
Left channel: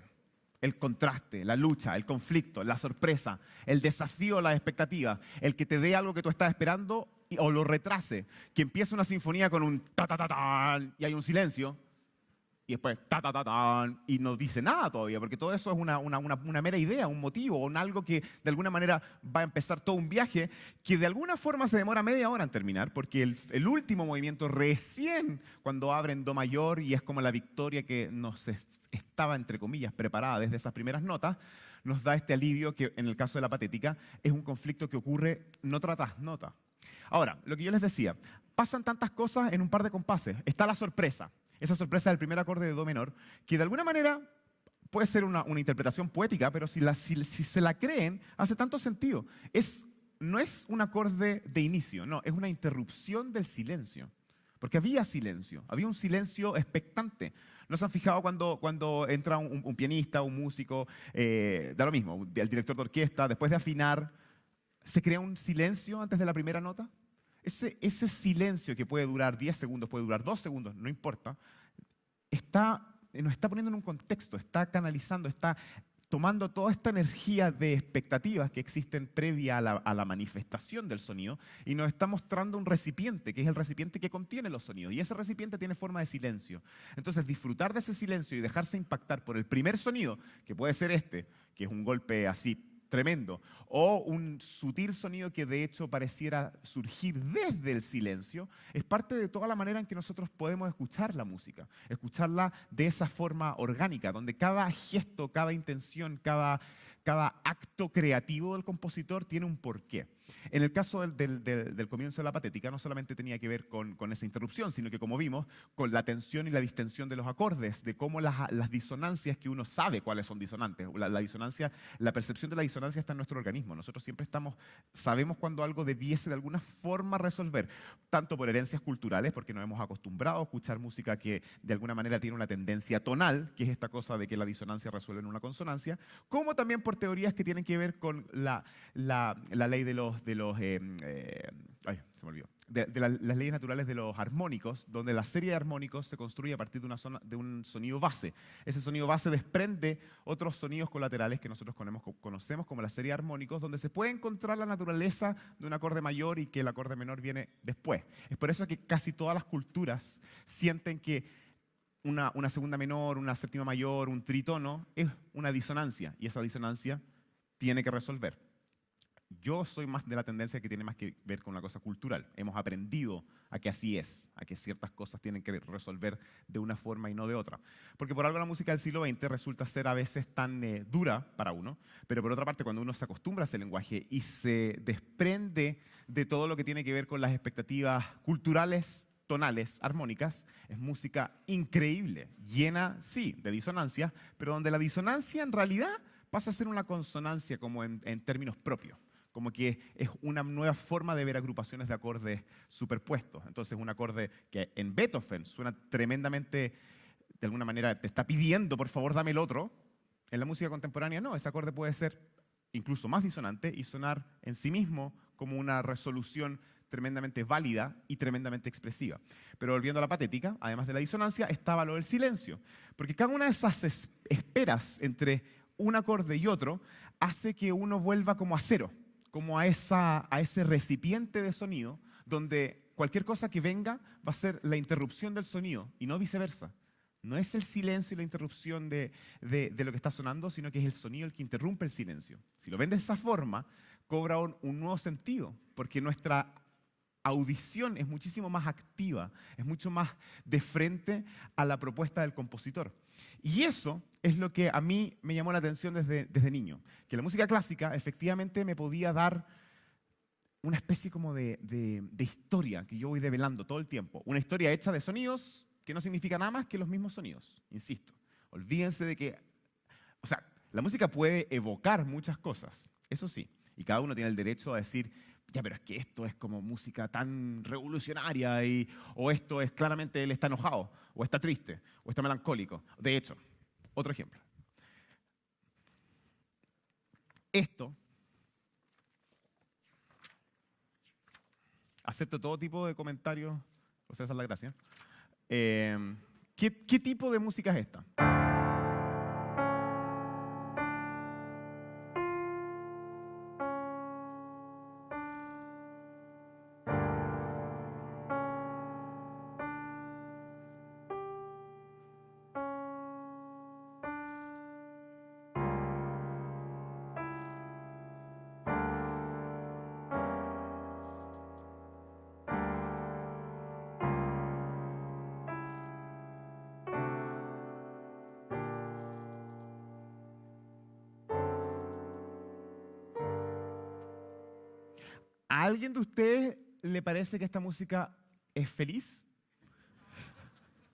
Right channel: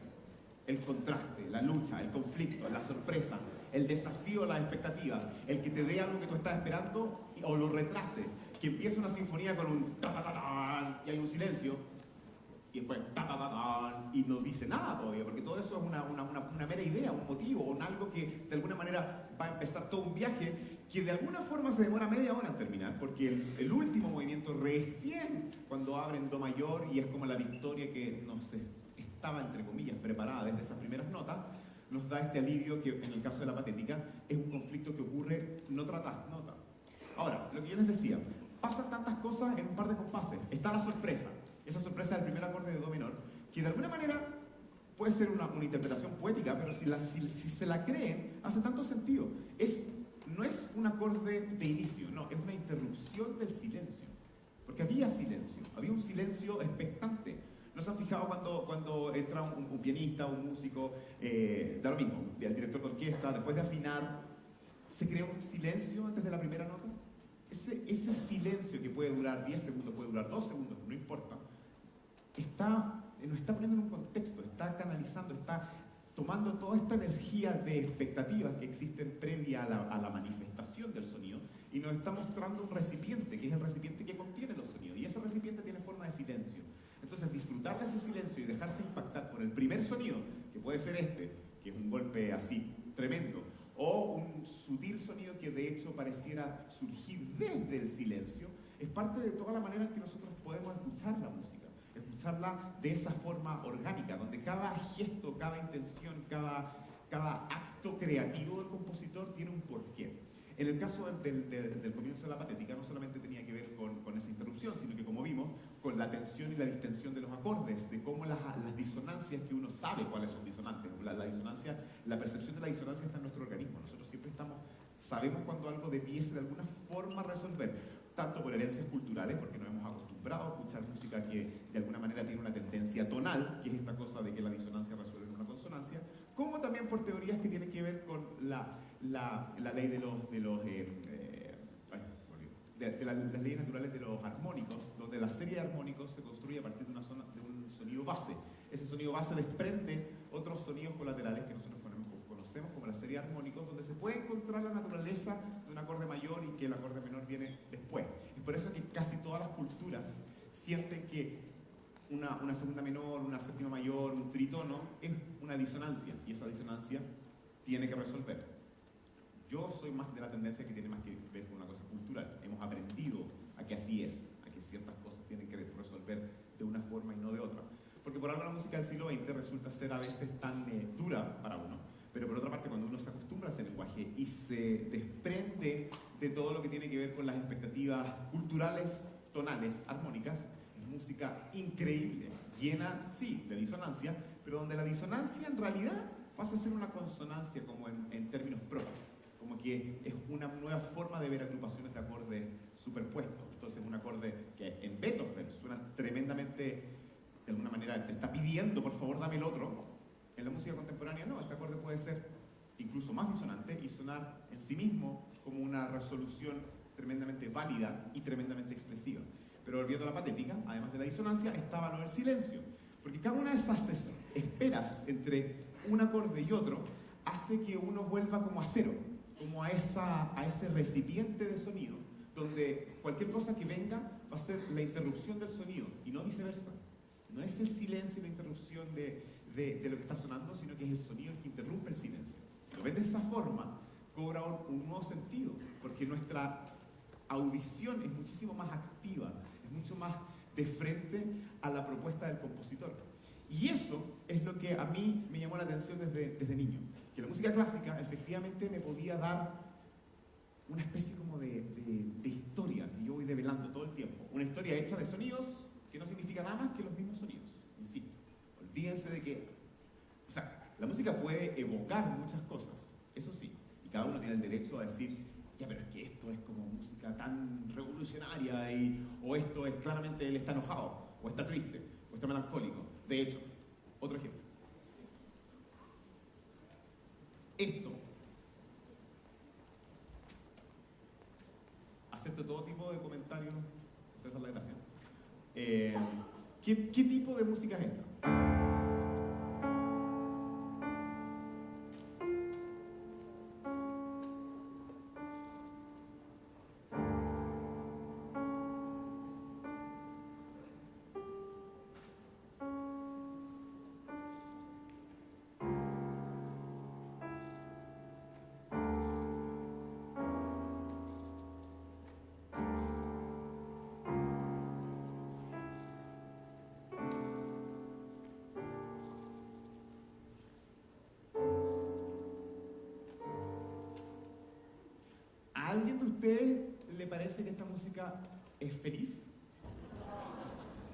El contraste, la lucha, el conflicto, la sorpresa, el desafío, la expectativa, el que te dé algo que tú estás esperando o lo retrase. Que empiece una sinfonía con un ta ta ta ta y hay un silencio. Y después ta ta ta ta y no dice nada todavía, porque todo eso es una mera idea, un motivo, un algo que de alguna manera va a empezar todo un viaje que de alguna forma se demora media hora en terminar, porque el último movimiento recién cuando abren do mayor y es como la victoria que nos estaba entre comillas preparada desde esas primeras notas, nos da este alivio que en el caso de la patética es un conflicto que ocurre nota tras nota. Ahora, lo que yo les decía, pasan tantas cosas en un par de compases. Está la sorpresa. Esa sorpresa del primer acorde de do menor, que de alguna manera puede ser una interpretación poética, pero si se la creen, hace tanto sentido. No es un acorde de inicio, no, es una interrupción del silencio. Porque había silencio, había un silencio expectante. ¿No se han fijado cuando entra un pianista, un músico, da lo mismo, el director de orquesta, después de afinar, se crea un silencio antes de la primera nota? Ese silencio que puede durar 10 segundos, puede durar 2 segundos, no importa, nos está poniendo en un contexto, está canalizando, está tomando toda esta energía de expectativas que existen previa a la manifestación del sonido y nos está mostrando un recipiente, que es el recipiente que contiene los sonidos. Y ese recipiente tiene forma de silencio. Entonces, disfrutar de ese silencio y dejarse impactar por el primer sonido, que puede ser este, que es un golpe así tremendo, o un sutil sonido que de hecho pareciera surgir desde el silencio, es parte de toda la manera en que nosotros podemos escuchar la música. Escucharla de esa forma orgánica, donde cada gesto, cada intención, cada acto creativo del compositor tiene un porqué. En el caso del comienzo de la patética no solamente tenía que ver con esa interrupción, sino que, como vimos, con la tensión y la distensión de los acordes, de cómo las disonancias, que uno sabe cuáles son disonantes. La percepción de la disonancia está en nuestro organismo. Nosotros siempre sabemos cuando algo debiese de alguna forma resolver, tanto por herencias culturales, porque nos hemos acostumbrado a escuchar música que de alguna manera tiene una tendencia tonal, que es esta cosa de que la disonancia resuelve en una consonancia, como también por teorías que tienen que ver con la ley de las leyes naturales de los armónicos, donde la serie de armónicos se construye a partir de un sonido base. Ese sonido base desprende otros sonidos colaterales que nosotros conocemos como la serie de armónicos, donde se puede encontrar la naturaleza de un acorde mayor y que el acorde menor viene después. Es por eso que casi todas las culturas sienten que una segunda menor, una séptima mayor, un tritono es una disonancia, y esa disonancia tiene que resolver. Yo soy más de la tendencia que tiene más que ver con una cosa cultural. Hemos aprendido a que así es, a que ciertas cosas tienen que resolver de una forma y no de otra. Porque por algo la música del siglo XX resulta ser a veces tan dura para uno, pero por otra parte cuando uno se acostumbra a ese lenguaje y se desprende de todo lo que tiene que ver con las expectativas culturales, tonales, armónicas, es música increíble, llena, sí, de disonancia, pero donde la disonancia en realidad pasa a ser una consonancia como en términos propios. Como que es una nueva forma de ver agrupaciones de acordes superpuestos. Entonces un acorde que en Beethoven suena tremendamente, de alguna manera te está pidiendo, por favor, dame el otro. En la música contemporánea no, ese acorde puede ser incluso más disonante y sonar en sí mismo como una resolución tremendamente válida y tremendamente expresiva. Pero volviendo a la patética, además de la disonancia, estaba lo del silencio. Porque cada una de esas esperas entre un acorde y otro hace que uno vuelva como a cero, como a ese recipiente de sonido, donde cualquier cosa que venga va a ser la interrupción del sonido, y no viceversa. No es el silencio y la interrupción de lo que está sonando, sino que es el sonido el que interrumpe el silencio. Si lo ven de esa forma, cobra un nuevo sentido, porque nuestra audición es muchísimo más activa, es mucho más de frente a la propuesta del compositor. Y eso es lo que a mí me llamó la atención desde niño, que la música clásica efectivamente me podía dar una especie como de historia que yo voy develando todo el tiempo. Una historia hecha de sonidos que no significa nada más que los mismos sonidos, insisto. Olvídense de que, o sea, la música puede evocar muchas cosas, eso sí, y cada uno tiene el derecho a decir, ya, pero es que esto es como música tan revolucionaria, o esto es claramente él está enojado, o está triste, o está melancólico. De hecho, otro ejemplo. Esto, acepto todo tipo de comentarios, o sea, esa es la gracia. ¿Qué tipo de música es esta? ¿A alguien de ustedes le parece que esta música es feliz?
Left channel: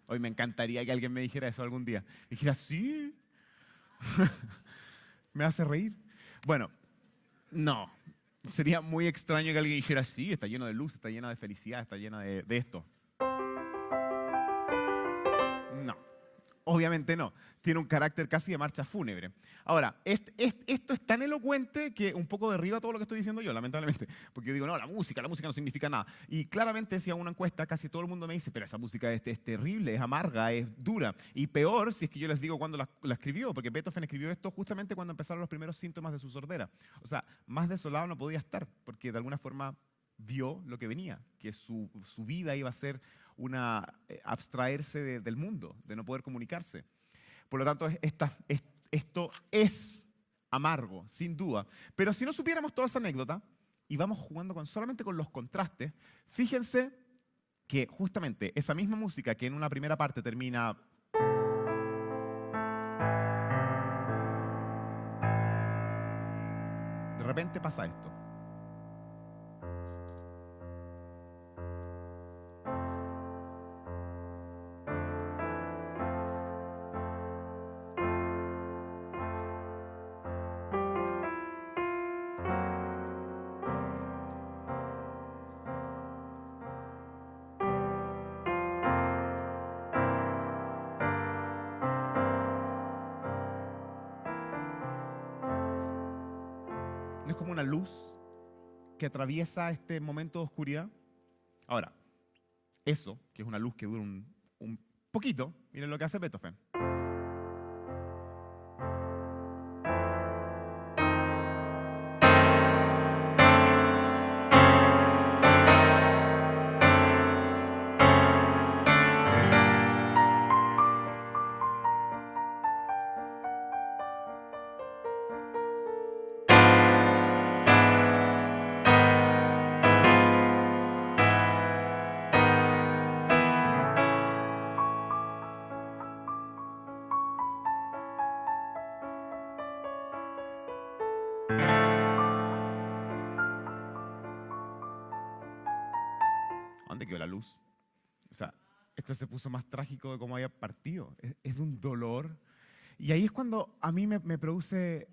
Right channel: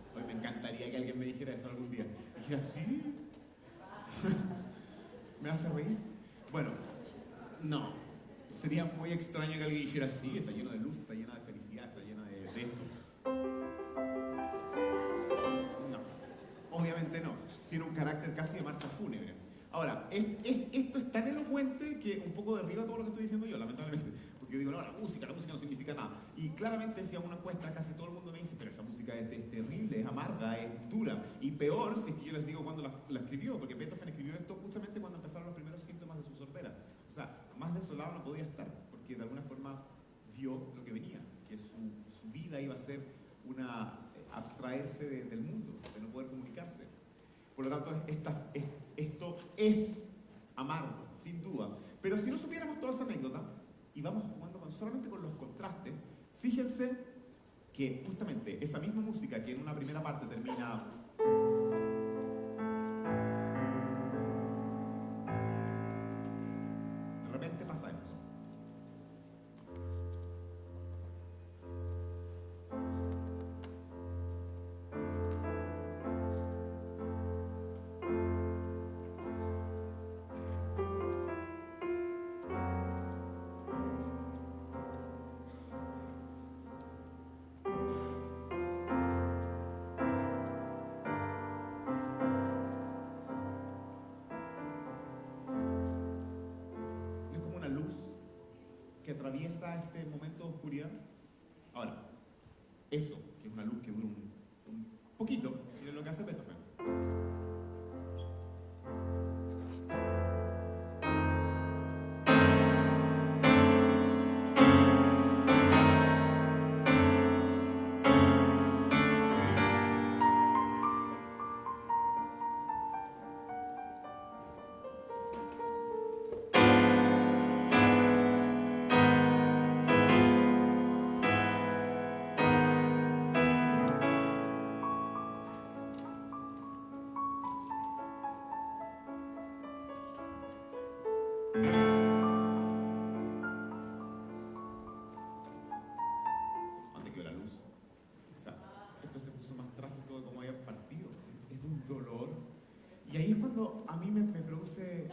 Hoy me encantaría que alguien me dijera eso algún día. Dijera, sí. ¿Me hace reír? Bueno, no. Sería muy extraño que alguien dijera, sí, está lleno de luz, está llena de felicidad, está llena de esto. No. Obviamente no. Tiene un carácter casi de marcha fúnebre. Ahora, esto es tan elocuente que un poco derriba todo lo que estoy diciendo yo, lamentablemente. Porque yo digo, no, la música no significa nada. Y claramente, si a una encuesta casi todo el mundo me dice, pero esa música es terrible, es amarga, es dura. Y peor si es que yo les digo cuándo la escribió, porque Beethoven escribió esto justamente cuando empezaron los primeros síntomas de su sordera. O sea, más desolado no podía estar, porque de alguna forma vio lo que venía, que su vida iba a ser abstraerse del mundo, de no poder comunicarse. Por lo tanto, esto es amargo, sin duda. Pero si no supiéramos toda esa anécdota, y vamos jugando solamente con los contrastes, fíjense que justamente esa misma música que en una primera parte termina... De repente pasa esto. Que atraviesa este momento de oscuridad. Ahora, eso, que es una luz que dura un poquito, miren lo que hace Beethoven. La luz. O sea, esto se puso más trágico de cómo había partido. Es de un dolor. Y ahí es cuando a mí me produce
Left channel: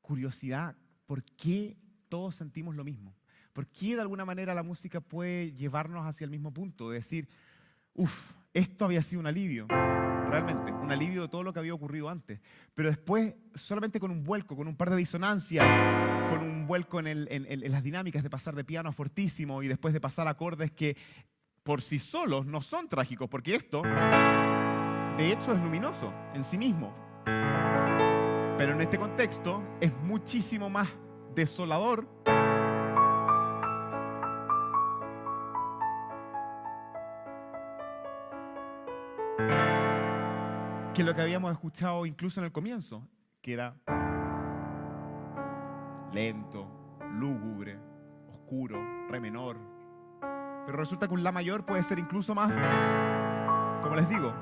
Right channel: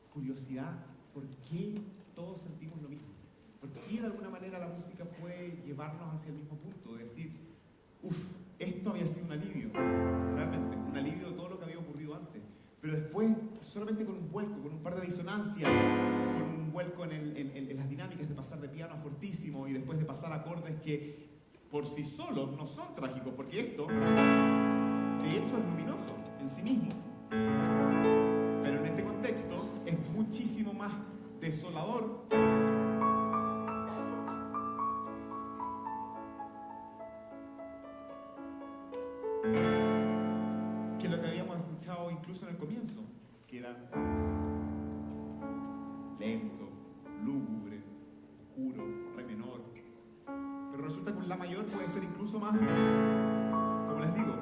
curiosidad. ¿Por qué todos sentimos lo mismo? ¿Por qué de alguna manera la música puede llevarnos hacia el mismo punto? De decir, esto había sido un alivio. Realmente, un alivio de todo lo que había ocurrido antes. Pero después, solamente con un vuelco, con un par de disonancias, con un vuelco en las dinámicas de pasar de piano a fortísimo y después de pasar acordes que por sí solos no son trágicos, porque esto, de hecho, es luminoso en sí mismo. Pero en este contexto es muchísimo más desolador que lo que habíamos escuchado incluso en el comienzo, que era lento, lúgubre, oscuro, re menor. Pero resulta que un la mayor puede ser incluso más, como les digo,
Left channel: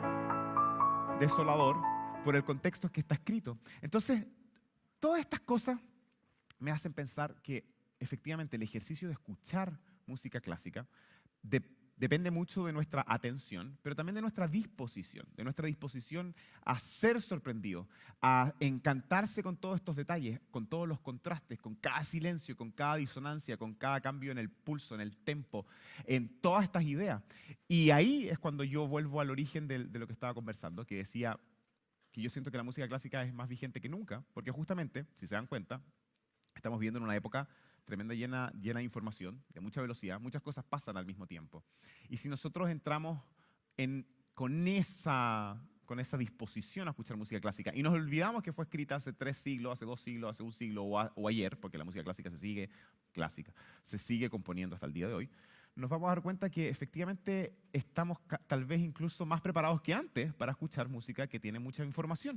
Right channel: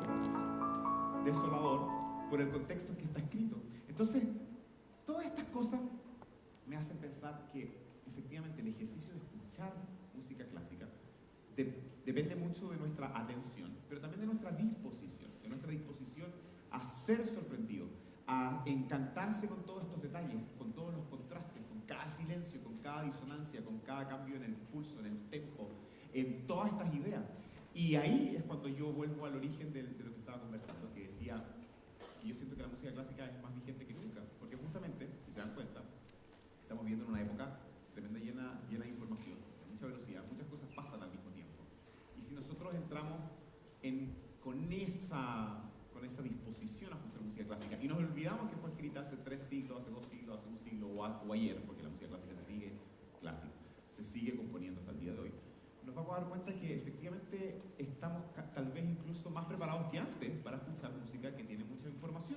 desolador por el contexto en que está escrito. Entonces, todas estas cosas me hacen pensar que efectivamente el ejercicio de escuchar música clásica depende mucho de nuestra atención, pero también de nuestra disposición a ser sorprendido, a encantarse con todos estos detalles, con todos los contrastes, con cada silencio, con cada disonancia, con cada cambio en el pulso, en el tempo, en todas estas ideas. Y ahí es cuando yo vuelvo al origen de lo que estaba conversando, que decía que yo siento que la música clásica es más vigente que nunca, porque justamente, si se dan cuenta, estamos viviendo en una época tremenda, llena de información, de mucha velocidad, muchas cosas pasan al mismo tiempo. Y si nosotros entramos con esa disposición a escuchar música clásica y nos olvidamos que fue escrita hace 3 siglos, hace 2 siglos, hace 1 siglo o ayer, porque la música clásica se sigue componiendo hasta el día de hoy, nos vamos a dar cuenta que efectivamente estamos tal vez incluso más preparados que antes para escuchar música que tiene mucha información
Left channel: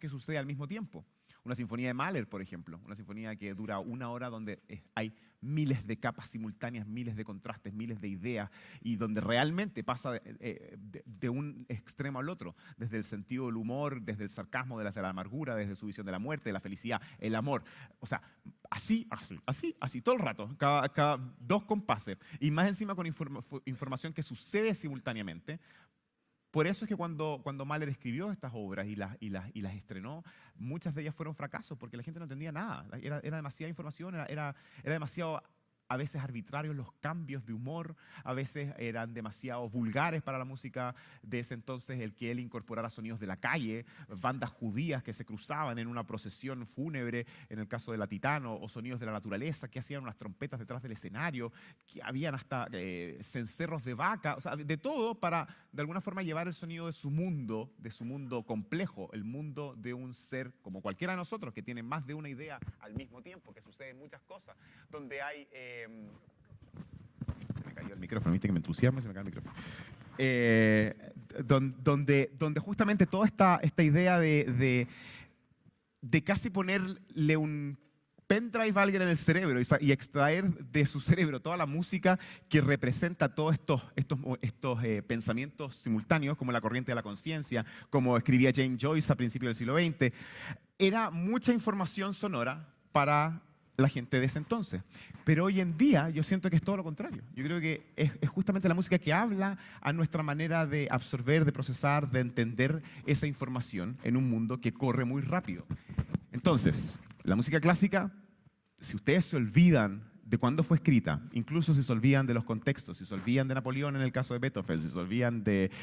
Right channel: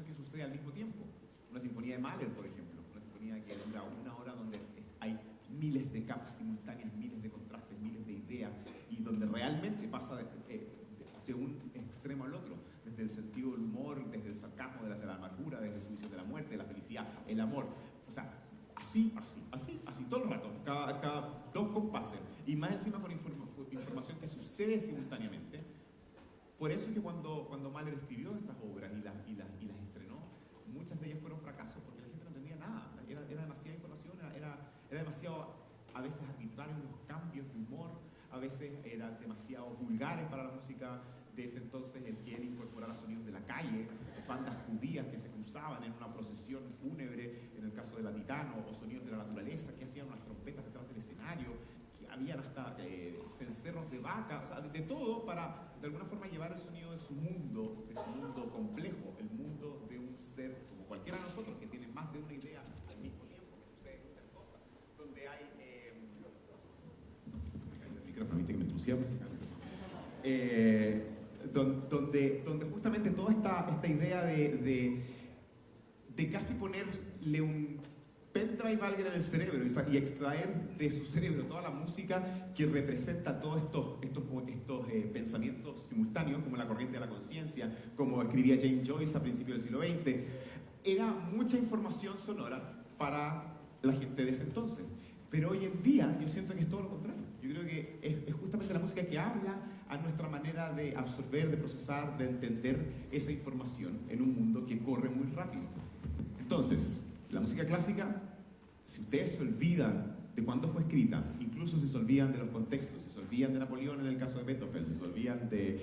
que sucede al mismo tiempo. Una sinfonía de Mahler, por ejemplo, una sinfonía que dura 1 hora donde hay miles de capas simultáneas, miles de contrastes, miles de ideas y donde realmente pasa de un extremo al otro, desde el sentido del humor, desde el sarcasmo, desde la amargura, desde su visión de la muerte, de la felicidad, el amor. O sea, así, todo el rato, cada 2 compases. Y más encima con información que sucede simultáneamente. Por eso es que cuando Mahler escribió estas obras y las estrenó, muchas de ellas fueron fracasos, porque la gente no entendía nada. Era demasiada información, era demasiado, a veces arbitrarios los cambios de humor, a veces eran demasiado vulgares para la música de ese entonces, el que él incorporara sonidos de la calle, bandas judías que se cruzaban en una procesión fúnebre, en el caso de la Titano, o sonidos de la naturaleza, que hacían unas trompetas detrás del escenario, que habían hasta cencerros de vaca, o sea, de todo para, de alguna forma, llevar el sonido de su mundo complejo, el mundo de un ser como cualquiera de nosotros, que tiene más de una idea al mismo tiempo, que suceden muchas cosas, donde hay... me cayó el micrófono, viste que me entusiasmo, se me cae el micrófono. Donde justamente toda esta idea de casi ponerle un pendrive a alguien en el cerebro y extraer de su cerebro toda la música que representa todos estos pensamientos simultáneos, como la corriente de la conciencia, como escribía James Joyce a principios del siglo XX. Era mucha información sonora para la gente de ese entonces. Pero hoy en día yo siento que es todo lo contrario. Yo creo que es justamente la música que habla a nuestra manera de absorber, de procesar, de entender esa información en un mundo que corre muy rápido. Entonces, la música clásica, si ustedes se olvidan de cuándo fue escrita, incluso si se olvidan de los contextos, si se olvidan de Napoleón en el caso de Beethoven, si se olvidan de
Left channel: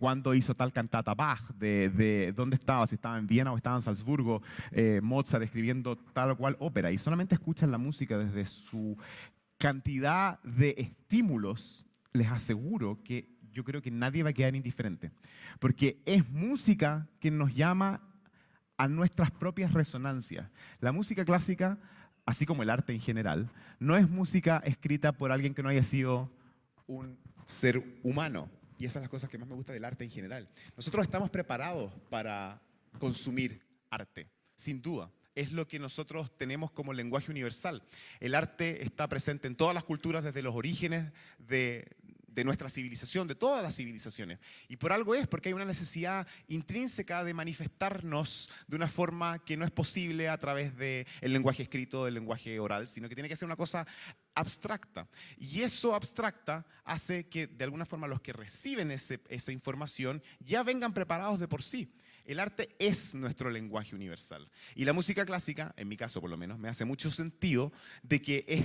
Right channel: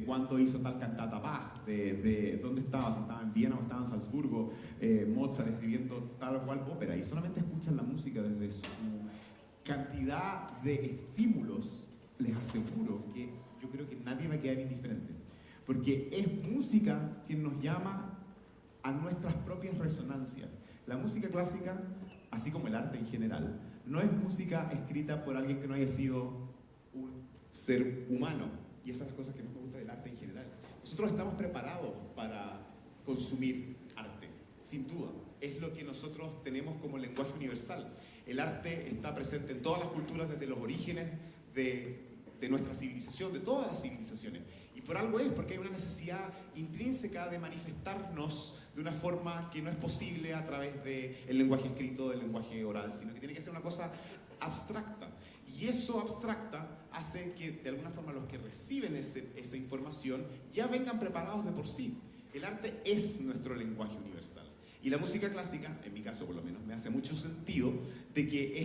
cuándo hizo tal cantata Bach, de dónde estaba, si estaba en Viena o estaba en Salzburgo, Mozart escribiendo tal o cual ópera, y solamente escuchan la música desde su cantidad de estímulos, les aseguro que yo creo que nadie va a quedar indiferente, porque es música que nos llama a nuestras propias resonancias. La música clásica, así como el arte en general, no es música escrita por alguien que no haya sido un ser humano. Y esas son las cosas que más me gusta del arte en general. Nosotros estamos preparados para consumir arte, sin duda. Es lo que nosotros tenemos como lenguaje universal. El arte está presente en todas las culturas desde los orígenes de nuestra civilización, de todas las civilizaciones. Y por algo es, porque hay una necesidad intrínseca de manifestarnos de una forma que no es posible a través del lenguaje escrito, del lenguaje oral, sino que tiene que ser una cosa abstracta. Y eso abstracta hace que, de alguna forma, los que reciben esa información ya vengan preparados de por sí. El arte es nuestro lenguaje universal. Y la música clásica, en mi caso por lo menos, me hace mucho sentido de que es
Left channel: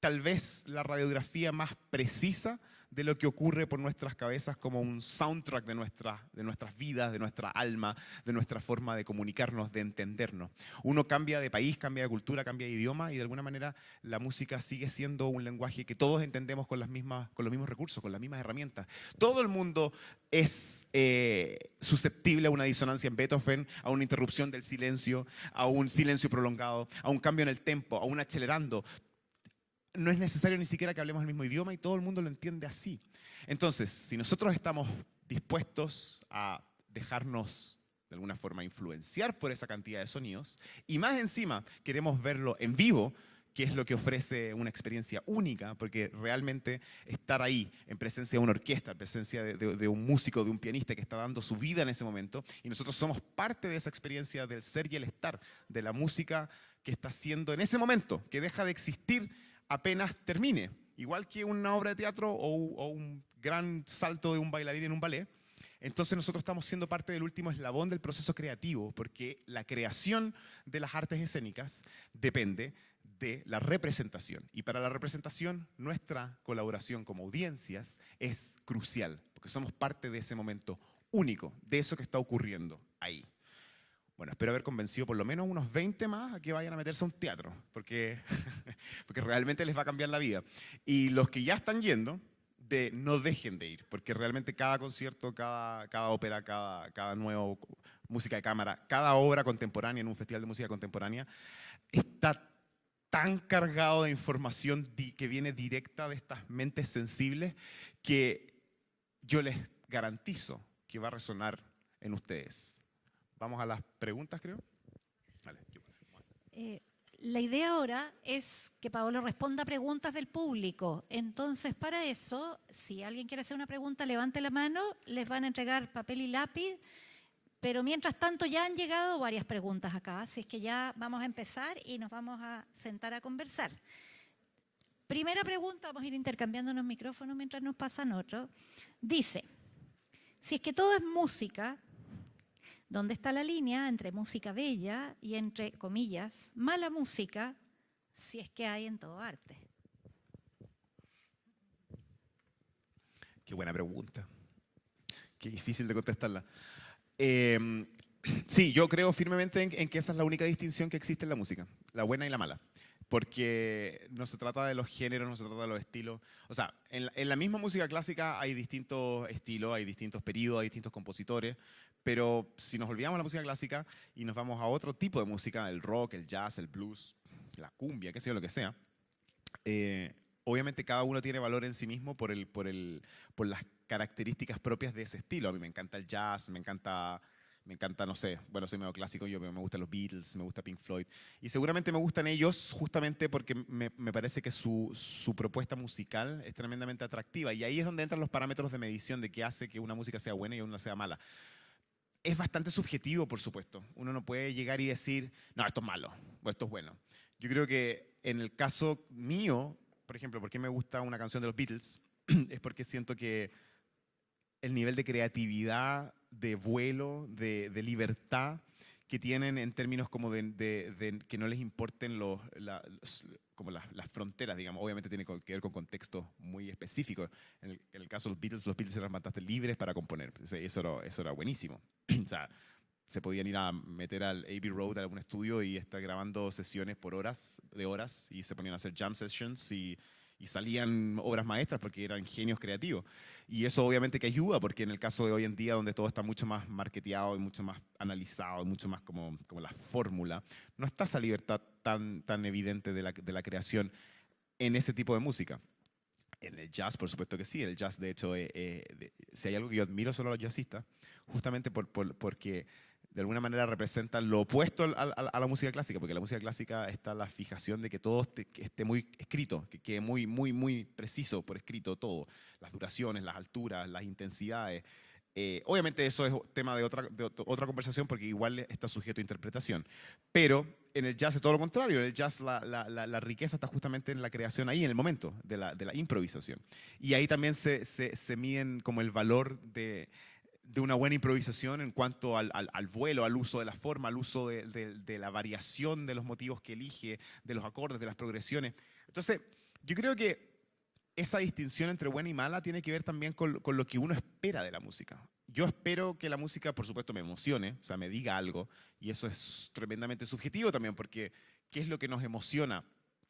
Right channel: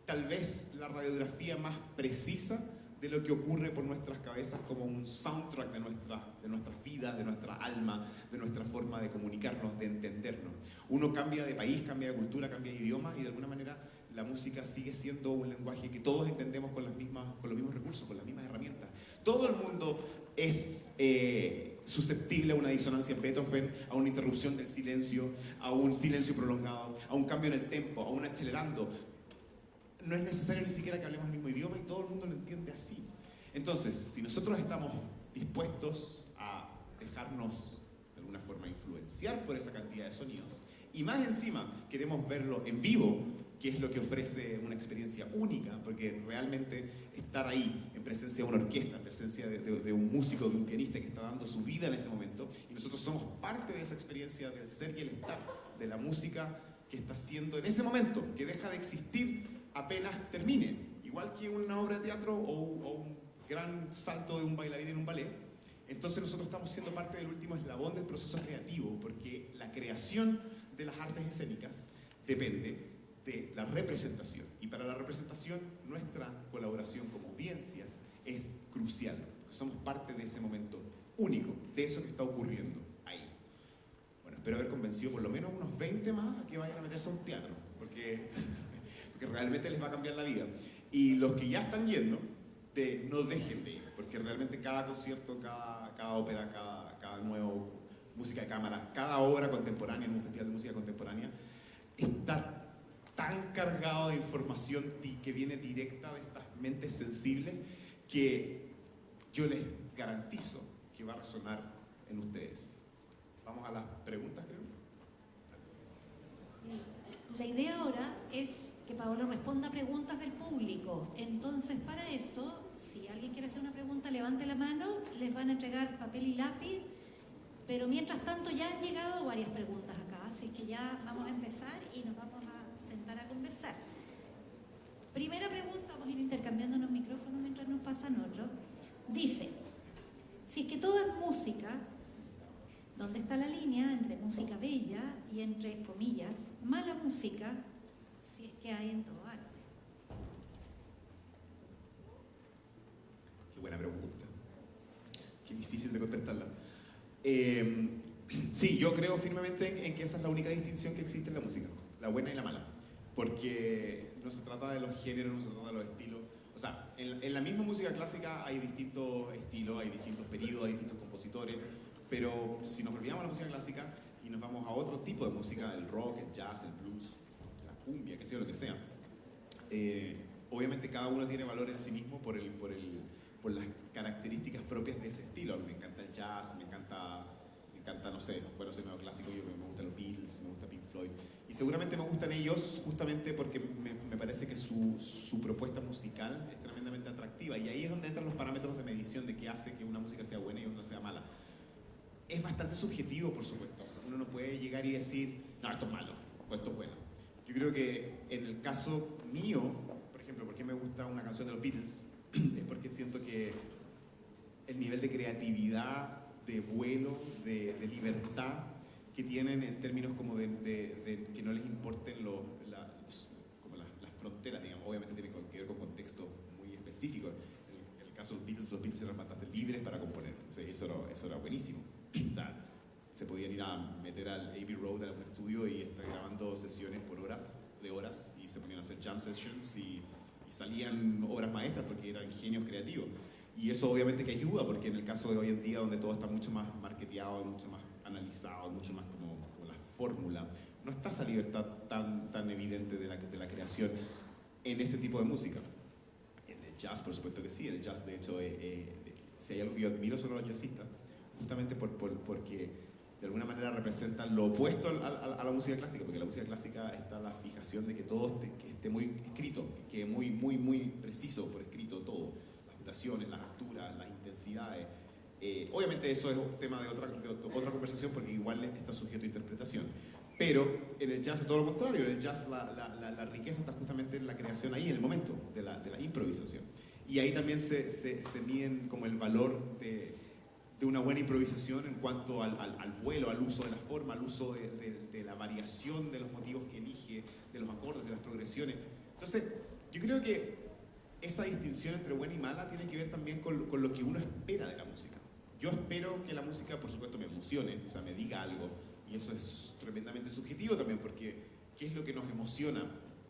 tal vez la radiografía más precisa de lo que ocurre por nuestras cabezas como un soundtrack de nuestras vidas, de nuestra alma, de nuestra forma de comunicarnos, de entendernos. Uno cambia de país, cambia de cultura, cambia de idioma y de alguna manera la música sigue siendo un lenguaje que todos entendemos con los mismos recursos, con las mismas herramientas. Todo el mundo es susceptible a una disonancia en Beethoven, a una interrupción del silencio, a un silencio prolongado, a un cambio en el tempo, a un acelerando. No es necesario ni siquiera que hablemos el mismo idioma y todo el mundo lo entiende así. Entonces, si nosotros estamos dispuestos a dejarnos de alguna forma influenciar por esa cantidad de sonidos y más encima queremos verlo en vivo, qué es lo que ofrece una experiencia única, porque realmente estar ahí en presencia de una orquesta, en presencia de un músico, de un pianista que está dando su vida en ese momento, y nosotros somos parte de esa experiencia del ser y el estar, de la música que está haciendo en ese momento, que deja de existir apenas termine, igual que una obra de teatro o un gran salto de un bailarín en un ballet. Entonces nosotros estamos siendo parte del último eslabón del proceso creativo, porque la creación de las artes escénicas depende de la representación. Y para la representación, nuestra colaboración como audiencias es crucial, porque somos parte de ese momento único, de eso que está ocurriendo ahí. Bueno, espero haber convencido por lo menos unos 20 más a que vayan a meterse a un teatro, porque, porque realmente les va a cambiar la vida. Y los que ya están yendo, no dejen de ir, porque realmente cada concierto, cada ópera, cada nuevo música de cámara, cada obra contemporánea en un festival de música contemporánea, está tan cargado de información que viene directa de estas mentes sensibles que yo les garantizo que va a resonar en ustedes. Vamos a las preguntas, creo. Vale. La idea ahora es que Paolo responda a preguntas del público. Entonces, para eso, si alguien quiere hacer una pregunta, levante la mano, les van a entregar papel y lápiz. Pero mientras tanto ya han llegado varias preguntas acá, así que ya vamos a empezar y nos vamos a sentar a conversar. Primera pregunta, vamos a ir intercambiando los micrófonos mientras nos pasan otros. Dice, si es que todo es música, ¿dónde está la línea entre música bella y entre, comillas, mala música, si es que hay en todo arte? Qué buena pregunta. Qué difícil de contestarla. Sí, yo creo firmemente en que esa es la única distinción que existe en la música, la buena y la mala, porque no se trata de los géneros, no se trata de los estilos. O sea, en la misma música clásica hay distintos estilos, hay distintos periodos, hay distintos compositores, pero si nos olvidamos de la música clásica y nos vamos a otro tipo de música, el rock, el jazz, el blues, la cumbia, qué sé yo, lo que sea, obviamente cada uno tiene valor en sí mismo por las características propias de ese estilo. A mí me encanta el jazz, me encanta, no sé, bueno, soy medio clásico, me gustan los Beatles, me gusta Pink Floyd, y seguramente me gustan ellos justamente porque me parece que su propuesta musical es tremendamente atractiva, y ahí es donde entran los parámetros de medición de qué hace que una música sea buena y una sea mala. Es bastante subjetivo, por supuesto. Uno no puede llegar y decir, no, esto es malo, o esto es bueno. Yo creo que en el caso mío, por ejemplo, ¿por qué me gusta una canción de los Beatles? Es porque siento que el nivel de creatividad, de vuelo, de libertad que tienen en términos como de que no les importen como las fronteras, digamos. Obviamente tiene que ver con contextos muy específicos. En el caso de los Beatles eran bastante libres para componer. O sea, eso era buenísimo. O sea, se podían ir a meter al Abbey Road a algún estudio y estar grabando sesiones por horas y se ponían a hacer jam sessions y salían obras maestras porque eran genios creativos. Y eso obviamente que ayuda, porque en el caso de hoy en día, donde todo está mucho más marketeado, mucho más analizado, mucho más como la fórmula, no está esa libertad tan evidente de la creación en ese tipo de música. En el jazz, por supuesto que sí. El jazz, de hecho, si hay algo que yo admiro sobre los jazzistas, justamente porque de alguna manera representan lo opuesto a la música clásica, porque en la música clásica está la fijación de que todo esté muy escrito, que quede muy preciso por escrito todo, las duraciones, las alturas, las intensidades. Obviamente eso es tema de otra conversación, porque igual está sujeto a interpretación. Pero en el jazz es todo lo contrario. En el jazz la riqueza está justamente en la creación ahí, en el momento de la improvisación. Y ahí también se miden como el valor de una buena improvisación en cuanto al vuelo, al uso de la forma, al uso de la variación de los motivos que elige, de los acordes, de las progresiones. Entonces, yo creo que esa distinción entre buena y mala tiene que ver también con lo que uno espera de la música. Yo espero que la música, por supuesto, me emocione, o sea, me diga algo, y eso es tremendamente subjetivo también, porque ¿qué es lo que nos emociona?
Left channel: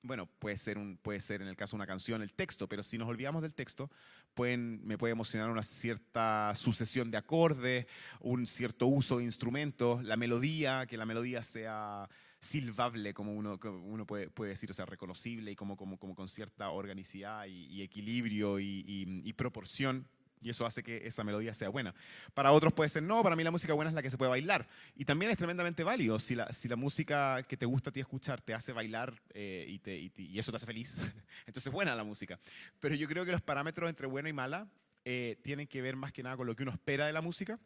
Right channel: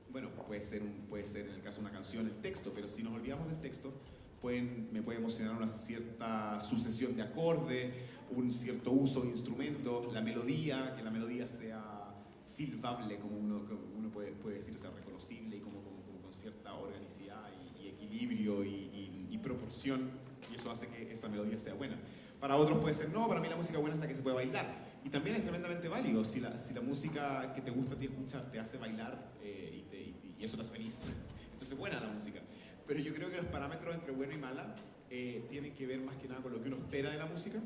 Bueno, puede ser en el caso de una canción el texto, pero si nos olvidamos del texto, me puede emocionar una cierta sucesión de acordes, un cierto uso de instrumentos, la melodía, que la melodía sea silbable, como uno puede decir, o sea, reconocible y como con cierta organicidad y equilibrio y proporción, y eso hace que esa melodía sea buena. Para otros puede ser, no, para mí la música buena es la que se puede bailar, Y también es tremendamente válido. Si la música que te gusta a ti escuchar te hace bailar y eso te hace feliz, entonces buena la música. Pero yo creo que los parámetros entre buena y mala tienen que ver más que nada con lo que uno espera de la música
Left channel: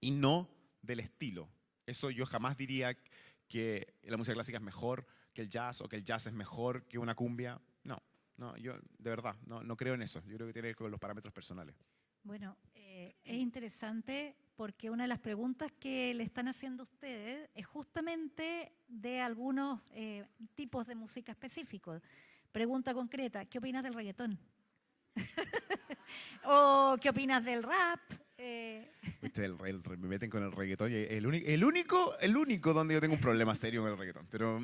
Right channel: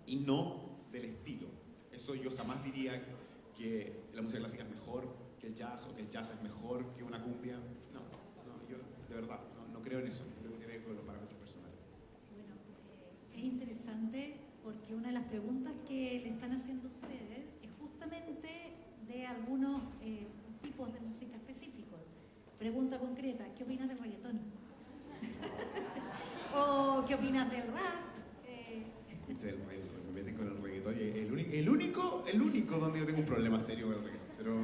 y no del estilo. Eso yo jamás diría que la música clásica es mejor que el jazz o que el jazz es mejor que una cumbia. No, yo de verdad no creo en eso. Yo creo que tiene que ver con los parámetros personales. Bueno, es interesante porque una de las preguntas que le están haciendo ustedes es justamente de algunos tipos de música específicos. Pregunta concreta, ¿qué opinas del reggaetón? ¿O qué opinas del rap? Me meten con el reggaetón. El único donde yo tengo un problema serio con el reggaetón. Pero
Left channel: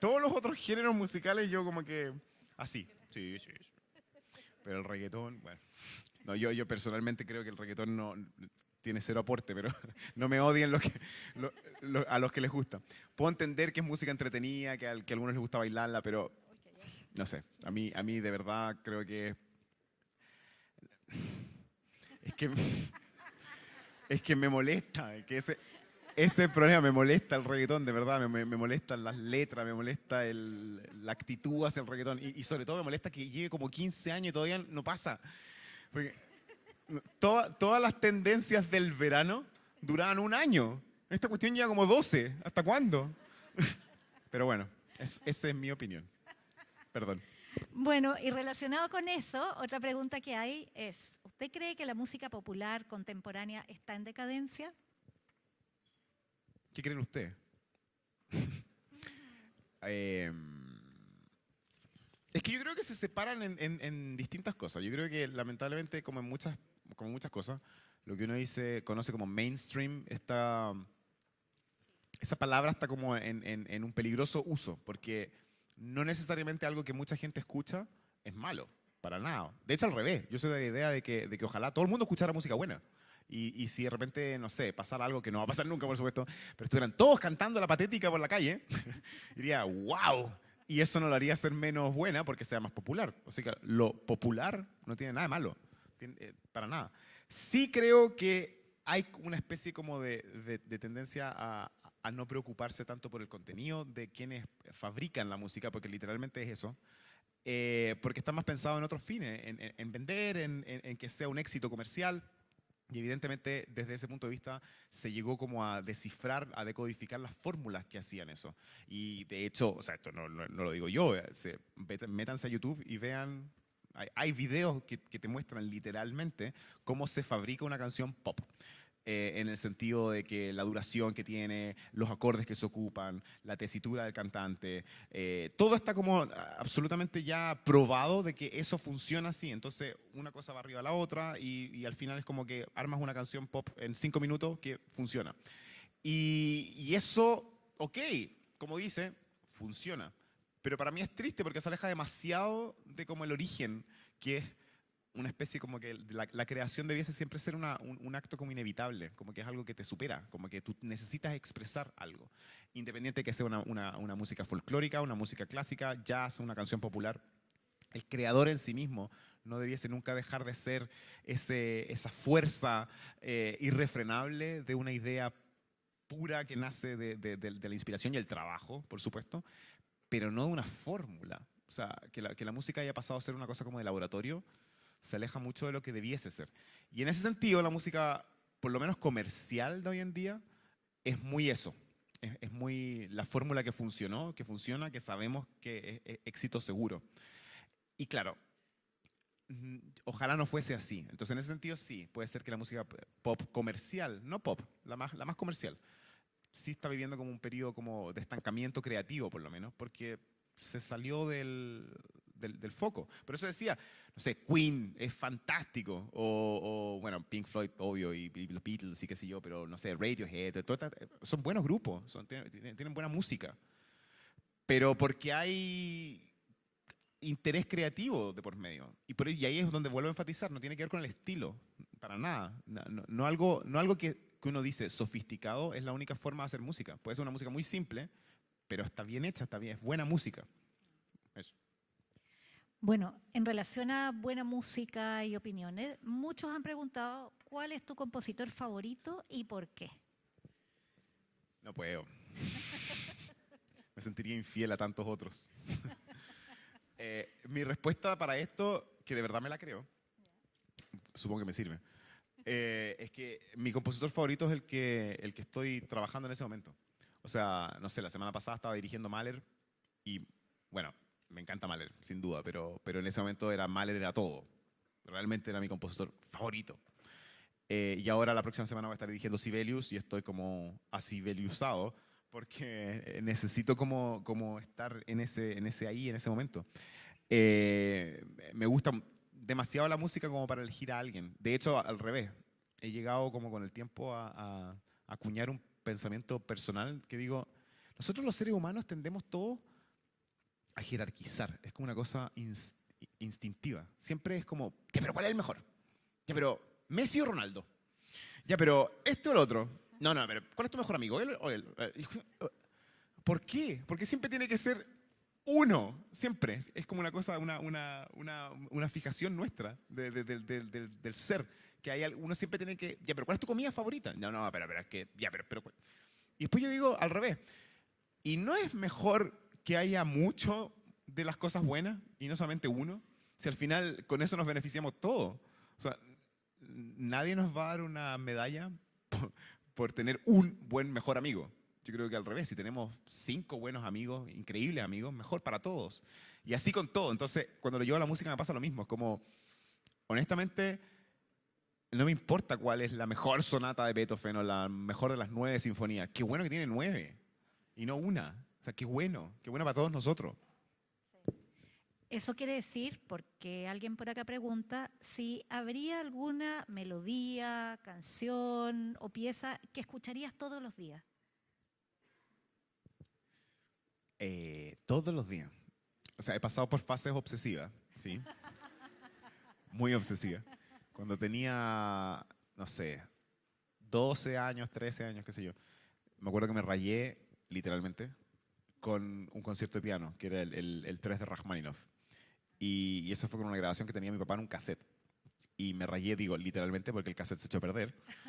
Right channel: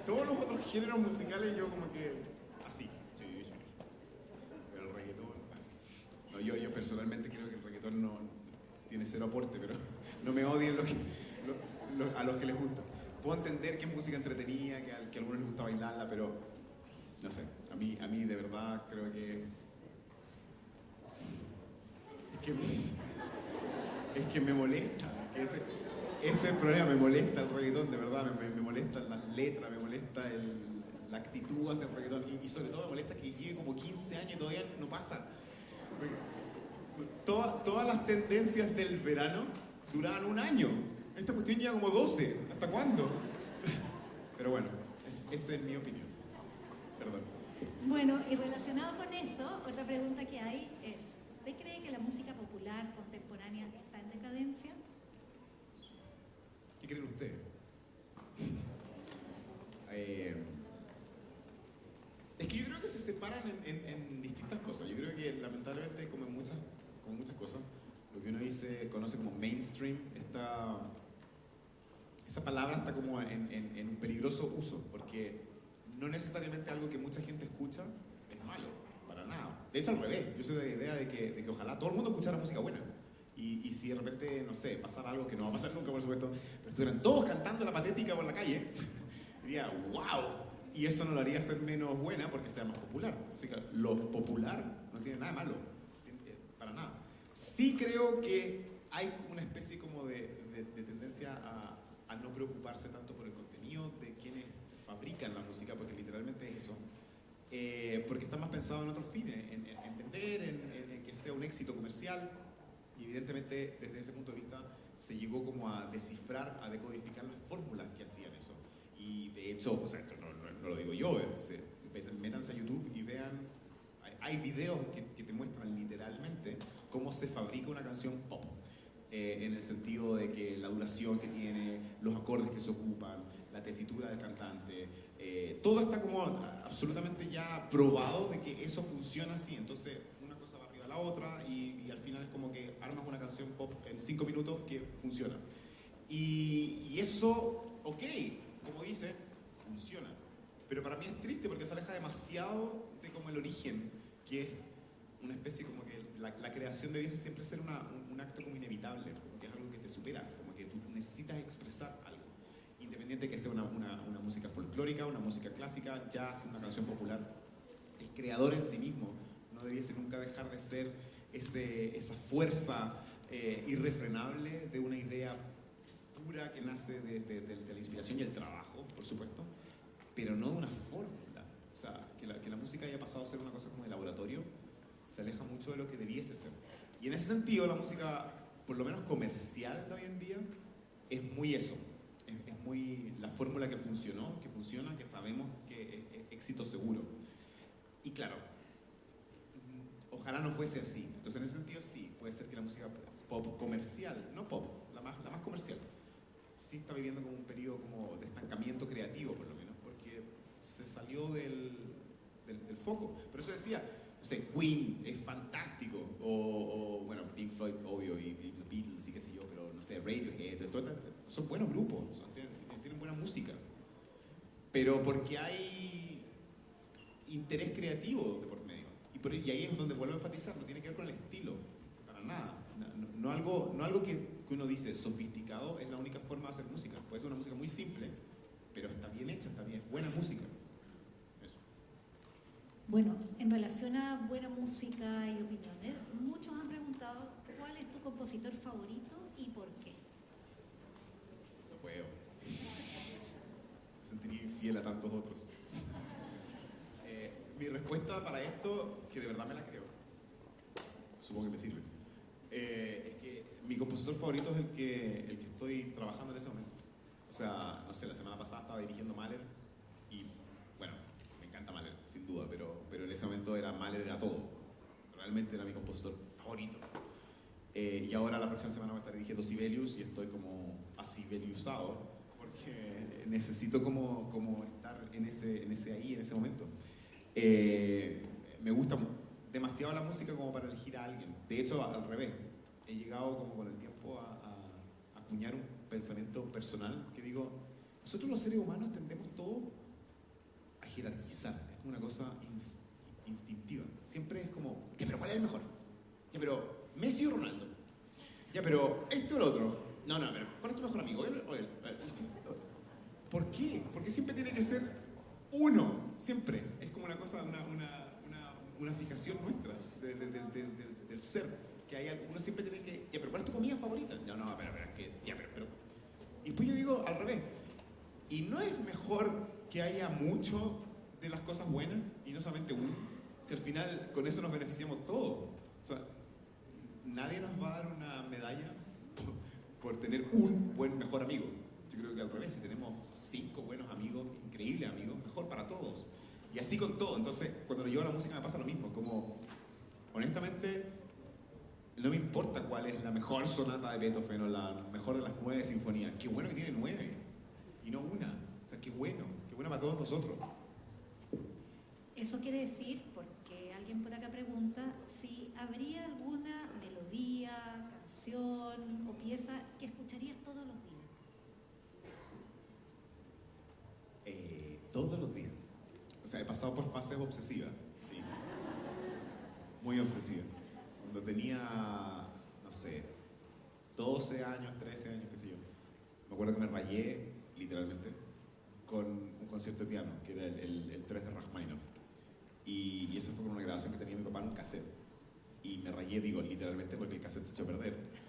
todos los otros géneros musicales yo como que así. Sí. Pero el reggaetón, bueno. No, yo personalmente creo que el reggaetón no tiene cero aporte, pero no me odien a los que les gusta. Puedo entender que es música entretenida, que a algunos les gusta bailarla, pero no sé, a mí de verdad creo que es que me molesta, que ese problema me molesta el reggaetón, de verdad, me molestan las letras, me molesta la actitud hacia el reggaetón y sobre todo me molesta que lleve como 15 años y todavía no pasa. Porque todas las tendencias del verano duraban un año. Esta cuestión lleva como 12. ¿Hasta cuándo? Pero bueno, esa es mi opinión. Perdón. Bueno, y relacionado con eso, otra pregunta que hay es, ¿usted cree que la música popular contemporánea está en decadencia? ¿Qué creen ustedes? Es que yo creo que se separan en distintas cosas. Yo creo que lamentablemente, como muchas cosas, lo que uno conoce como mainstream, esa palabra está como en un peligroso uso, porque no necesariamente algo que mucha gente escucha es malo, para nada. De hecho, al revés. Yo soy de la idea de que ojalá todo el mundo escuchara música buena. Y si de repente, no sé, pasara algo que no va a pasar nunca, por supuesto, pero estuvieran todos cantando la patética por la calle, diría, wow. Y eso no la haría ser menos buena porque sea más popular. Así que lo popular no tiene nada de malo, para nada. Sí creo que hay una especie como de tendencia a no preocuparse tanto por el contenido de quienes fabrican la música, porque literalmente es eso, porque está más pensado en otros fines, en vender, en que sea un éxito comercial. Y evidentemente desde ese punto de vista se llegó como a descifrar, a decodificar las fórmulas que hacían eso. Y de hecho, o sea, esto no lo digo yo, métanse a YouTube y vean, hay videos que te muestran literalmente cómo se fabrica una canción pop. En el sentido de que la duración que tiene, los acordes que se ocupan, la tesitura del cantante, todo está como absolutamente ya probado de que eso funciona así. Entonces una cosa va arriba a la otra y al final es como que armas una canción pop en 5 minutos que funciona. Y eso, ok, como dice, funciona. Pero para mí es triste porque se aleja demasiado de como el origen, que es una especie como que la creación debiese siempre ser un acto como inevitable, como que es algo que te supera, como que tú necesitas expresar algo. Independiente de que sea una música folclórica, una música clásica, jazz, una canción popular, el creador en sí mismo no debiese nunca dejar de ser esa fuerza irrefrenable de una idea pura que nace de la inspiración y el trabajo, por supuesto, pero no de una fórmula. O sea, que la música haya pasado a ser una cosa como de laboratorio, se aleja mucho de lo que debiese ser. Y en ese sentido, la música, por lo menos comercial de hoy en día, es muy eso. Es muy la fórmula que funcionó, que funciona, que sabemos que es éxito seguro. Y claro, ojalá no fuese así. Entonces, en ese sentido, sí, puede ser que la música pop comercial, no pop, la más comercial, sí está viviendo como un periodo como de estancamiento creativo, por lo menos, porque se salió del foco. Por eso decía, no sé, Queen es fantástico, o bueno, Pink Floyd, obvio, y los Beatles y qué sé yo, pero no sé, Radiohead, son buenos grupos, tienen buena música. Pero porque hay interés creativo de por medio. Y ahí es donde vuelvo a enfatizar, no tiene que ver con el estilo, para nada. No algo que uno dice sofisticado es la única forma de hacer música. Puede ser una música muy simple, pero está bien hecha, está bien, es buena música. Bueno, en relación a buena música y opiniones, muchos han preguntado cuál es tu compositor favorito y por qué. No puedo. Me sentiría infiel a tantos otros. Mi respuesta para esto, que de verdad me la creo, supongo que me sirve, es que mi compositor favorito es el que estoy trabajando en ese momento. O sea, no sé, la semana pasada estaba dirigiendo Mahler y, bueno, me encanta Mahler, sin duda, pero en ese momento Mahler era todo. Realmente era mi compositor favorito. Y ahora la próxima semana voy a estar dirigiendo Sibelius y estoy como asibeliusado porque necesito como estar en ese momento. Me gusta demasiado la música como para elegir a alguien. De hecho, al revés. He llegado como con el tiempo a acuñar un pensamiento personal que digo, nosotros los seres humanos tendemos todo a jerarquizar. Es como una cosa instintiva. Siempre es como, ya, pero ¿cuál es el mejor? Ya, pero ¿Messi o Ronaldo? Ya, pero ¿este o el otro? No, pero ¿cuál es tu mejor amigo? ¿Él o él? ¿Por qué? Porque siempre tiene que ser uno. Siempre. Es como una cosa, una fijación nuestra del ser. Que uno siempre tiene que... Ya, pero ¿cuál es tu comida favorita? No, pero es que... Ya, pero... Y después yo digo al revés. ¿Y no es mejor que haya mucho de las cosas buenas y no solamente uno? Si al final con eso nos beneficiamos todos. O sea, nadie nos va a dar una medalla por tener un buen mejor amigo. Yo creo que al revés, si tenemos 5 buenos amigos, increíbles amigos, mejor para todos. Y así con todo. Entonces, cuando lo llevo a la música me pasa lo mismo. Es como, honestamente, no me importa cuál es la mejor sonata de Beethoven o la mejor de las 9 sinfonías. Qué bueno que tiene 9 y no una. O sea, qué bueno para todos nosotros. Eso quiere decir, porque alguien por acá pregunta, si habría alguna melodía, canción o pieza que escucharías todos los días. Todos los días. O sea, he pasado por fases obsesivas, ¿sí? Muy obsesivas. Cuando tenía, no sé, 12 años, 13 años, qué sé yo, me acuerdo que me rayé, literalmente, con un concierto de piano, que era el 3 de Rachmaninoff. Y eso fue con una grabación que tenía mi papá en un cassette. Y me rayé, digo, literalmente, porque el cassette se echó a perder.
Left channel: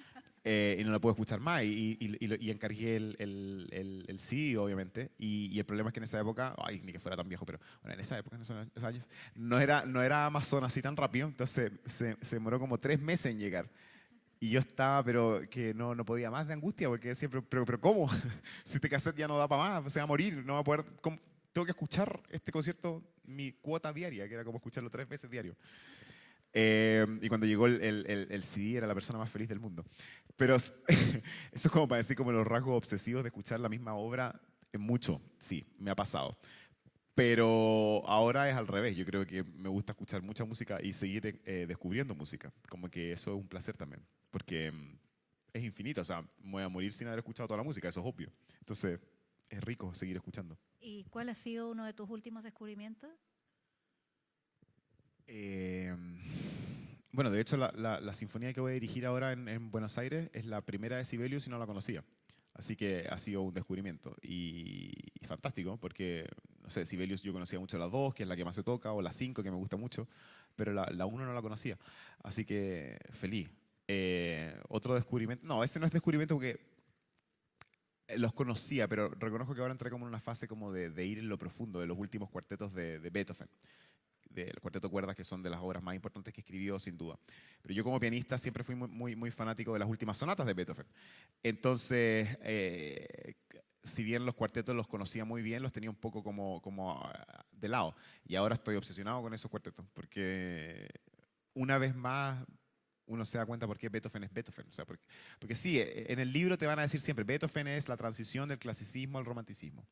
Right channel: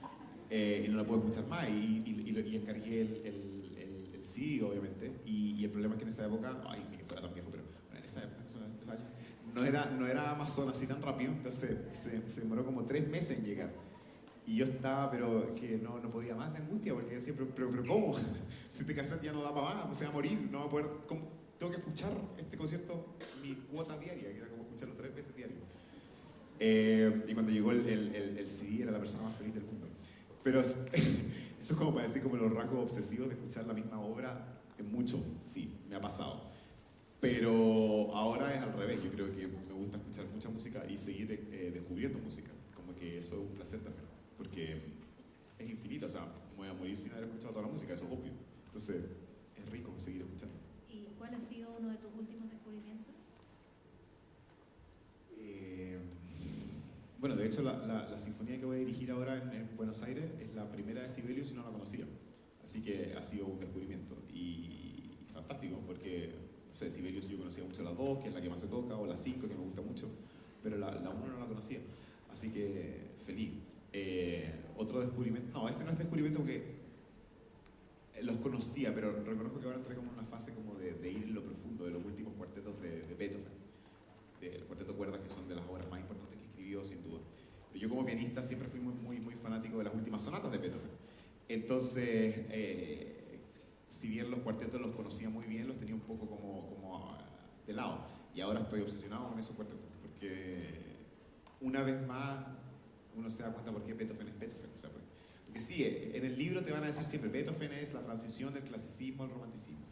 Y no lo pude escuchar más. Y encargué el CD, obviamente. Y el problema es que en esa época, ay, ni que fuera tan viejo, pero bueno, en esa época, en esos años, no era Amazon así tan rápido. Entonces se demoró como 3 meses en llegar. Y yo estaba, pero que no podía más de angustia, porque decía, pero ¿cómo? Si este cassette ya no da para más, se va a morir, no va a poder... Tengo que escuchar este concierto, mi cuota diaria, que era como escucharlo 3 veces diario. Y cuando llegó el CD, era la persona más feliz del mundo. Pero eso es como para decir como los rasgos obsesivos de escuchar la misma obra mucho, sí, me ha pasado. Pero ahora es al revés, yo creo que me gusta escuchar mucha música y seguir descubriendo música. Como que eso es un placer también, porque es infinito, o sea, me voy a morir sin haber escuchado toda la música, eso es obvio. Entonces, es rico seguir escuchando. ¿Y cuál ha sido uno de tus últimos descubrimientos? Bueno, de hecho, la sinfonía que voy a dirigir ahora en Buenos Aires es la primera de Sibelius y no la conocía. Así que ha sido un descubrimiento. Y fantástico, porque, no sé, Sibelius yo conocía mucho la 2, que es la que más se toca, o la 5, que me gusta mucho, pero la 1 no la conocía. Así que, feliz. Otro descubrimiento... No, ese no es descubrimiento porque los conocía, pero reconozco que ahora entré como en una fase como de ir en lo profundo, de los últimos cuartetos de Beethoven. Del cuarteto de cuerdas, que son de las obras más importantes que escribió, sin duda. Pero yo como pianista siempre fui muy fanático de las últimas sonatas de Beethoven. Entonces, si bien los cuartetos los conocía muy bien, los tenía un poco como de lado. Y ahora estoy obsesionado con esos cuartetos, porque una vez más uno se da cuenta por qué Beethoven es Beethoven. O sea, porque sí, en el libro te van a decir siempre, Beethoven es la transición del clasicismo al romanticismo.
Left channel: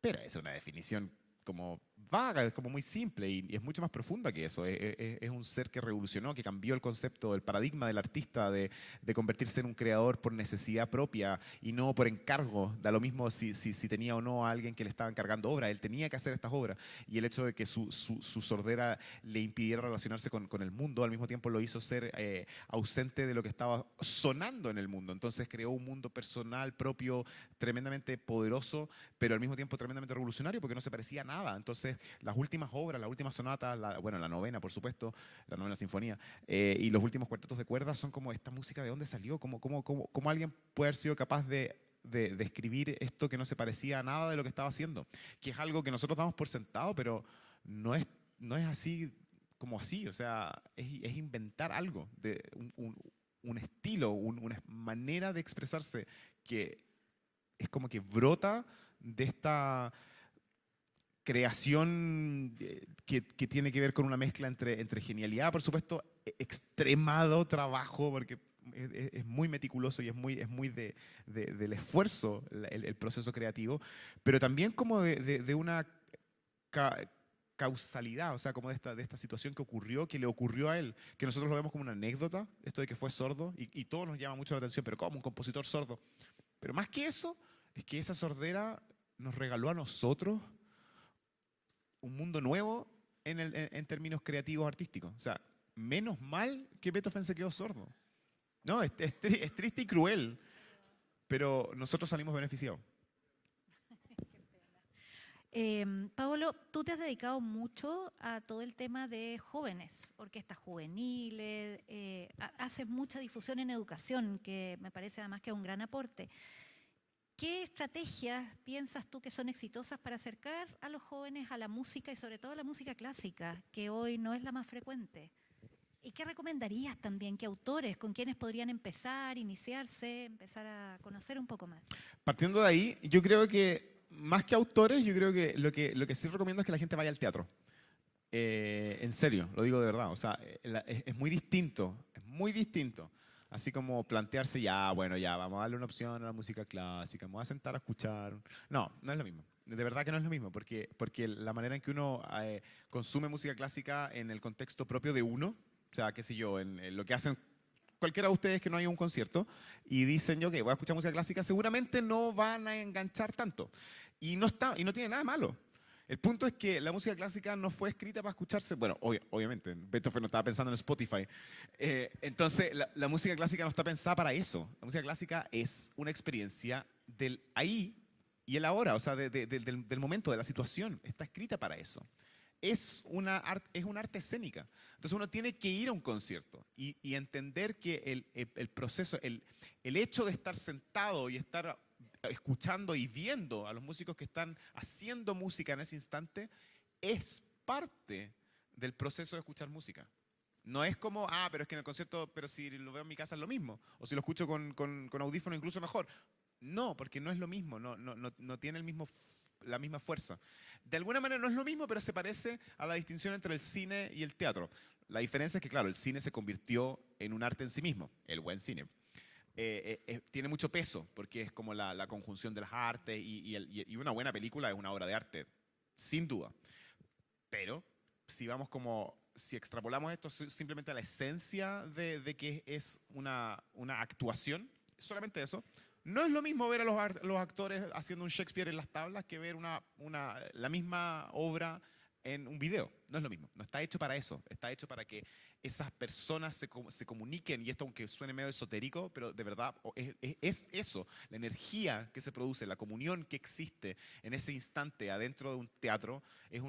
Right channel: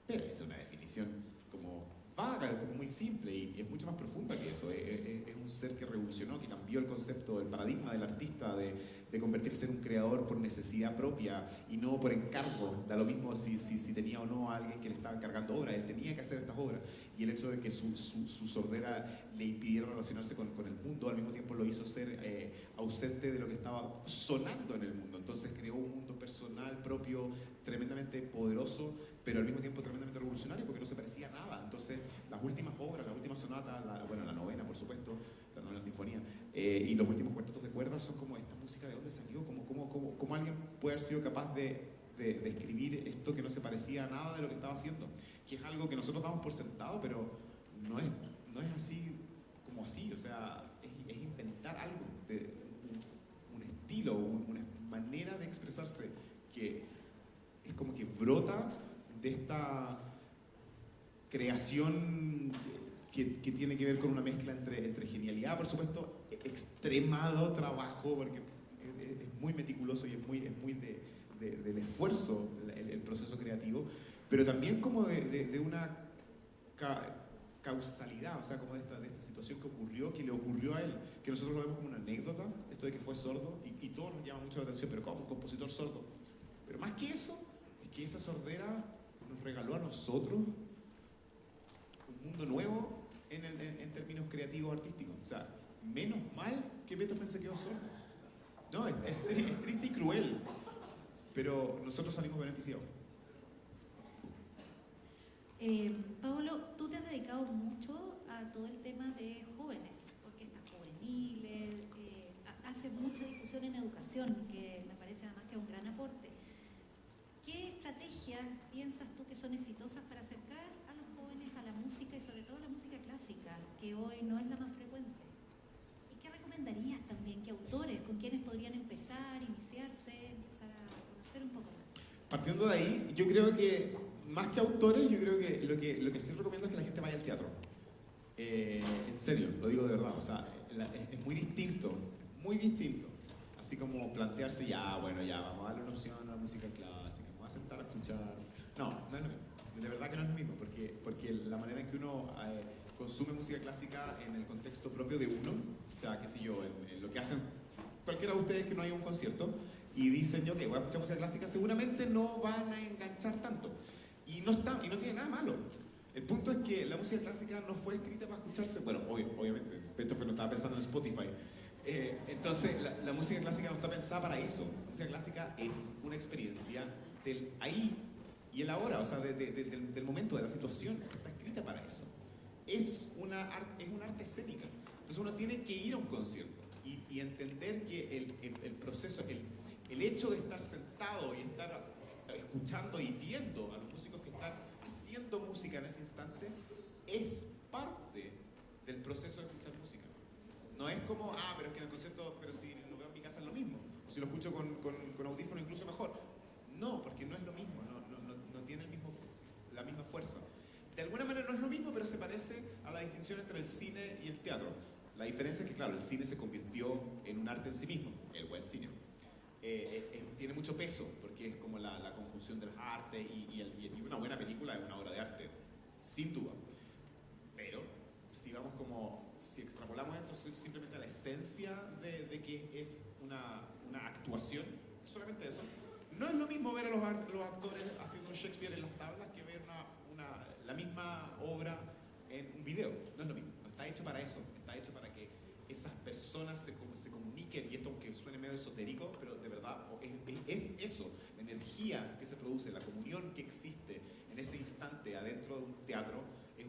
Pero es una definición como vaga, es como muy simple y es mucho más profunda que eso. Es un ser que revolucionó, que cambió el concepto, el paradigma del artista de convertirse en un creador por necesidad propia y no por encargo. Da lo mismo si tenía o no a alguien que le estaba encargando obras. Él tenía que hacer estas obras y el hecho de que su sordera le impidiera relacionarse con el mundo, al mismo tiempo lo hizo ser ausente de lo que estaba sonando en el mundo. Entonces creó un mundo personal propio tremendamente poderoso, pero al mismo tiempo tremendamente revolucionario porque no se parecía a nada. Entonces las últimas obras, las últimas sonatas, la novena por supuesto, la novena sinfonía, y los últimos cuartetos de cuerdas son como esta música, ¿de dónde salió? ¿Cómo alguien puede haber sido capaz de de escribir esto que no se parecía a nada de lo que estaba haciendo, que es algo que nosotros damos por sentado, pero no es así como así, o sea, es inventar algo, un estilo, una manera de expresarse que es como que brota de esta creación que tiene que ver con una mezcla entre genialidad, por supuesto, extremado trabajo, porque es muy meticuloso y es muy del esfuerzo el proceso creativo, pero también como de una causalidad, o sea, como de esta situación que ocurrió, que le ocurrió a él, que nosotros lo vemos como una anécdota, esto de que fue sordo, y todo nos llama mucho la atención, pero ¿cómo? Un compositor sordo. Pero más que eso, es que esa sordera nos regaló a nosotros un mundo nuevo en términos creativos artísticos. O sea, menos mal que Beethoven se quedó sordo. No, es triste y cruel, pero nosotros salimos beneficiados. Paolo, tú te has dedicado mucho a todo el tema de jóvenes, orquestas juveniles, haces mucha difusión en educación, que me parece además que es un gran aporte. ¿Qué estrategias piensas tú que son exitosas para acercar a los jóvenes a la música y sobre todo a la música clásica, que hoy no es la más frecuente? ¿Y qué recomendarías también? ¿Qué autores con quienes podrían empezar, iniciarse, empezar a conocer un poco más? Partiendo de ahí, yo creo que más que autores, yo creo que lo que sí recomiendo es que la gente vaya al teatro. En serio, lo digo de verdad. O sea, es muy distinto, Así como plantearse, vamos a darle una opción a la música clásica, me voy a sentar a escuchar. No es lo mismo. De verdad que no es lo mismo, porque la manera en que uno consume música clásica en el contexto propio de uno, o sea, qué sé yo, en lo que hacen cualquiera de ustedes que no haya un concierto y dicen, yo voy a escuchar música clásica, seguramente no van a enganchar tanto. Y no tiene nada malo. El punto es que la música clásica no fue escrita para escucharse. Bueno, obviamente, Beethoven no estaba pensando en Spotify. Entonces, la música clásica no está pensada para eso. La música clásica es una experiencia del ahí y el ahora, o sea, del momento, de la situación. Está escrita para eso. Es una arte escénica. Entonces, uno tiene que ir a un concierto y entender que el proceso, el hecho de estar sentado y estar escuchando y viendo a los músicos que están haciendo música en ese instante es parte del proceso de escuchar música. No es como, pero es que en el concierto, pero si lo veo en mi casa es lo mismo, o si lo escucho con audífono incluso mejor. No, porque no es lo mismo, no tiene la misma fuerza. De alguna manera no es lo mismo, pero se parece a la distinción entre el cine y el teatro. La diferencia es que, claro, el cine se convirtió en un arte en sí mismo, el buen cine. Tiene mucho peso, porque es como la conjunción de las artes y una buena película es una obra de arte, sin duda. Pero si extrapolamos esto simplemente a la esencia de que es una actuación, solamente eso, no es lo mismo ver a los actores haciendo un Shakespeare en las tablas que ver la misma obra en un video. No es lo mismo, no está hecho para eso, está hecho para que esas personas se comuniquen, y esto aunque suene medio esotérico, pero de verdad es eso, la energía que se produce, la comunión que existe en ese instante adentro de un teatro, es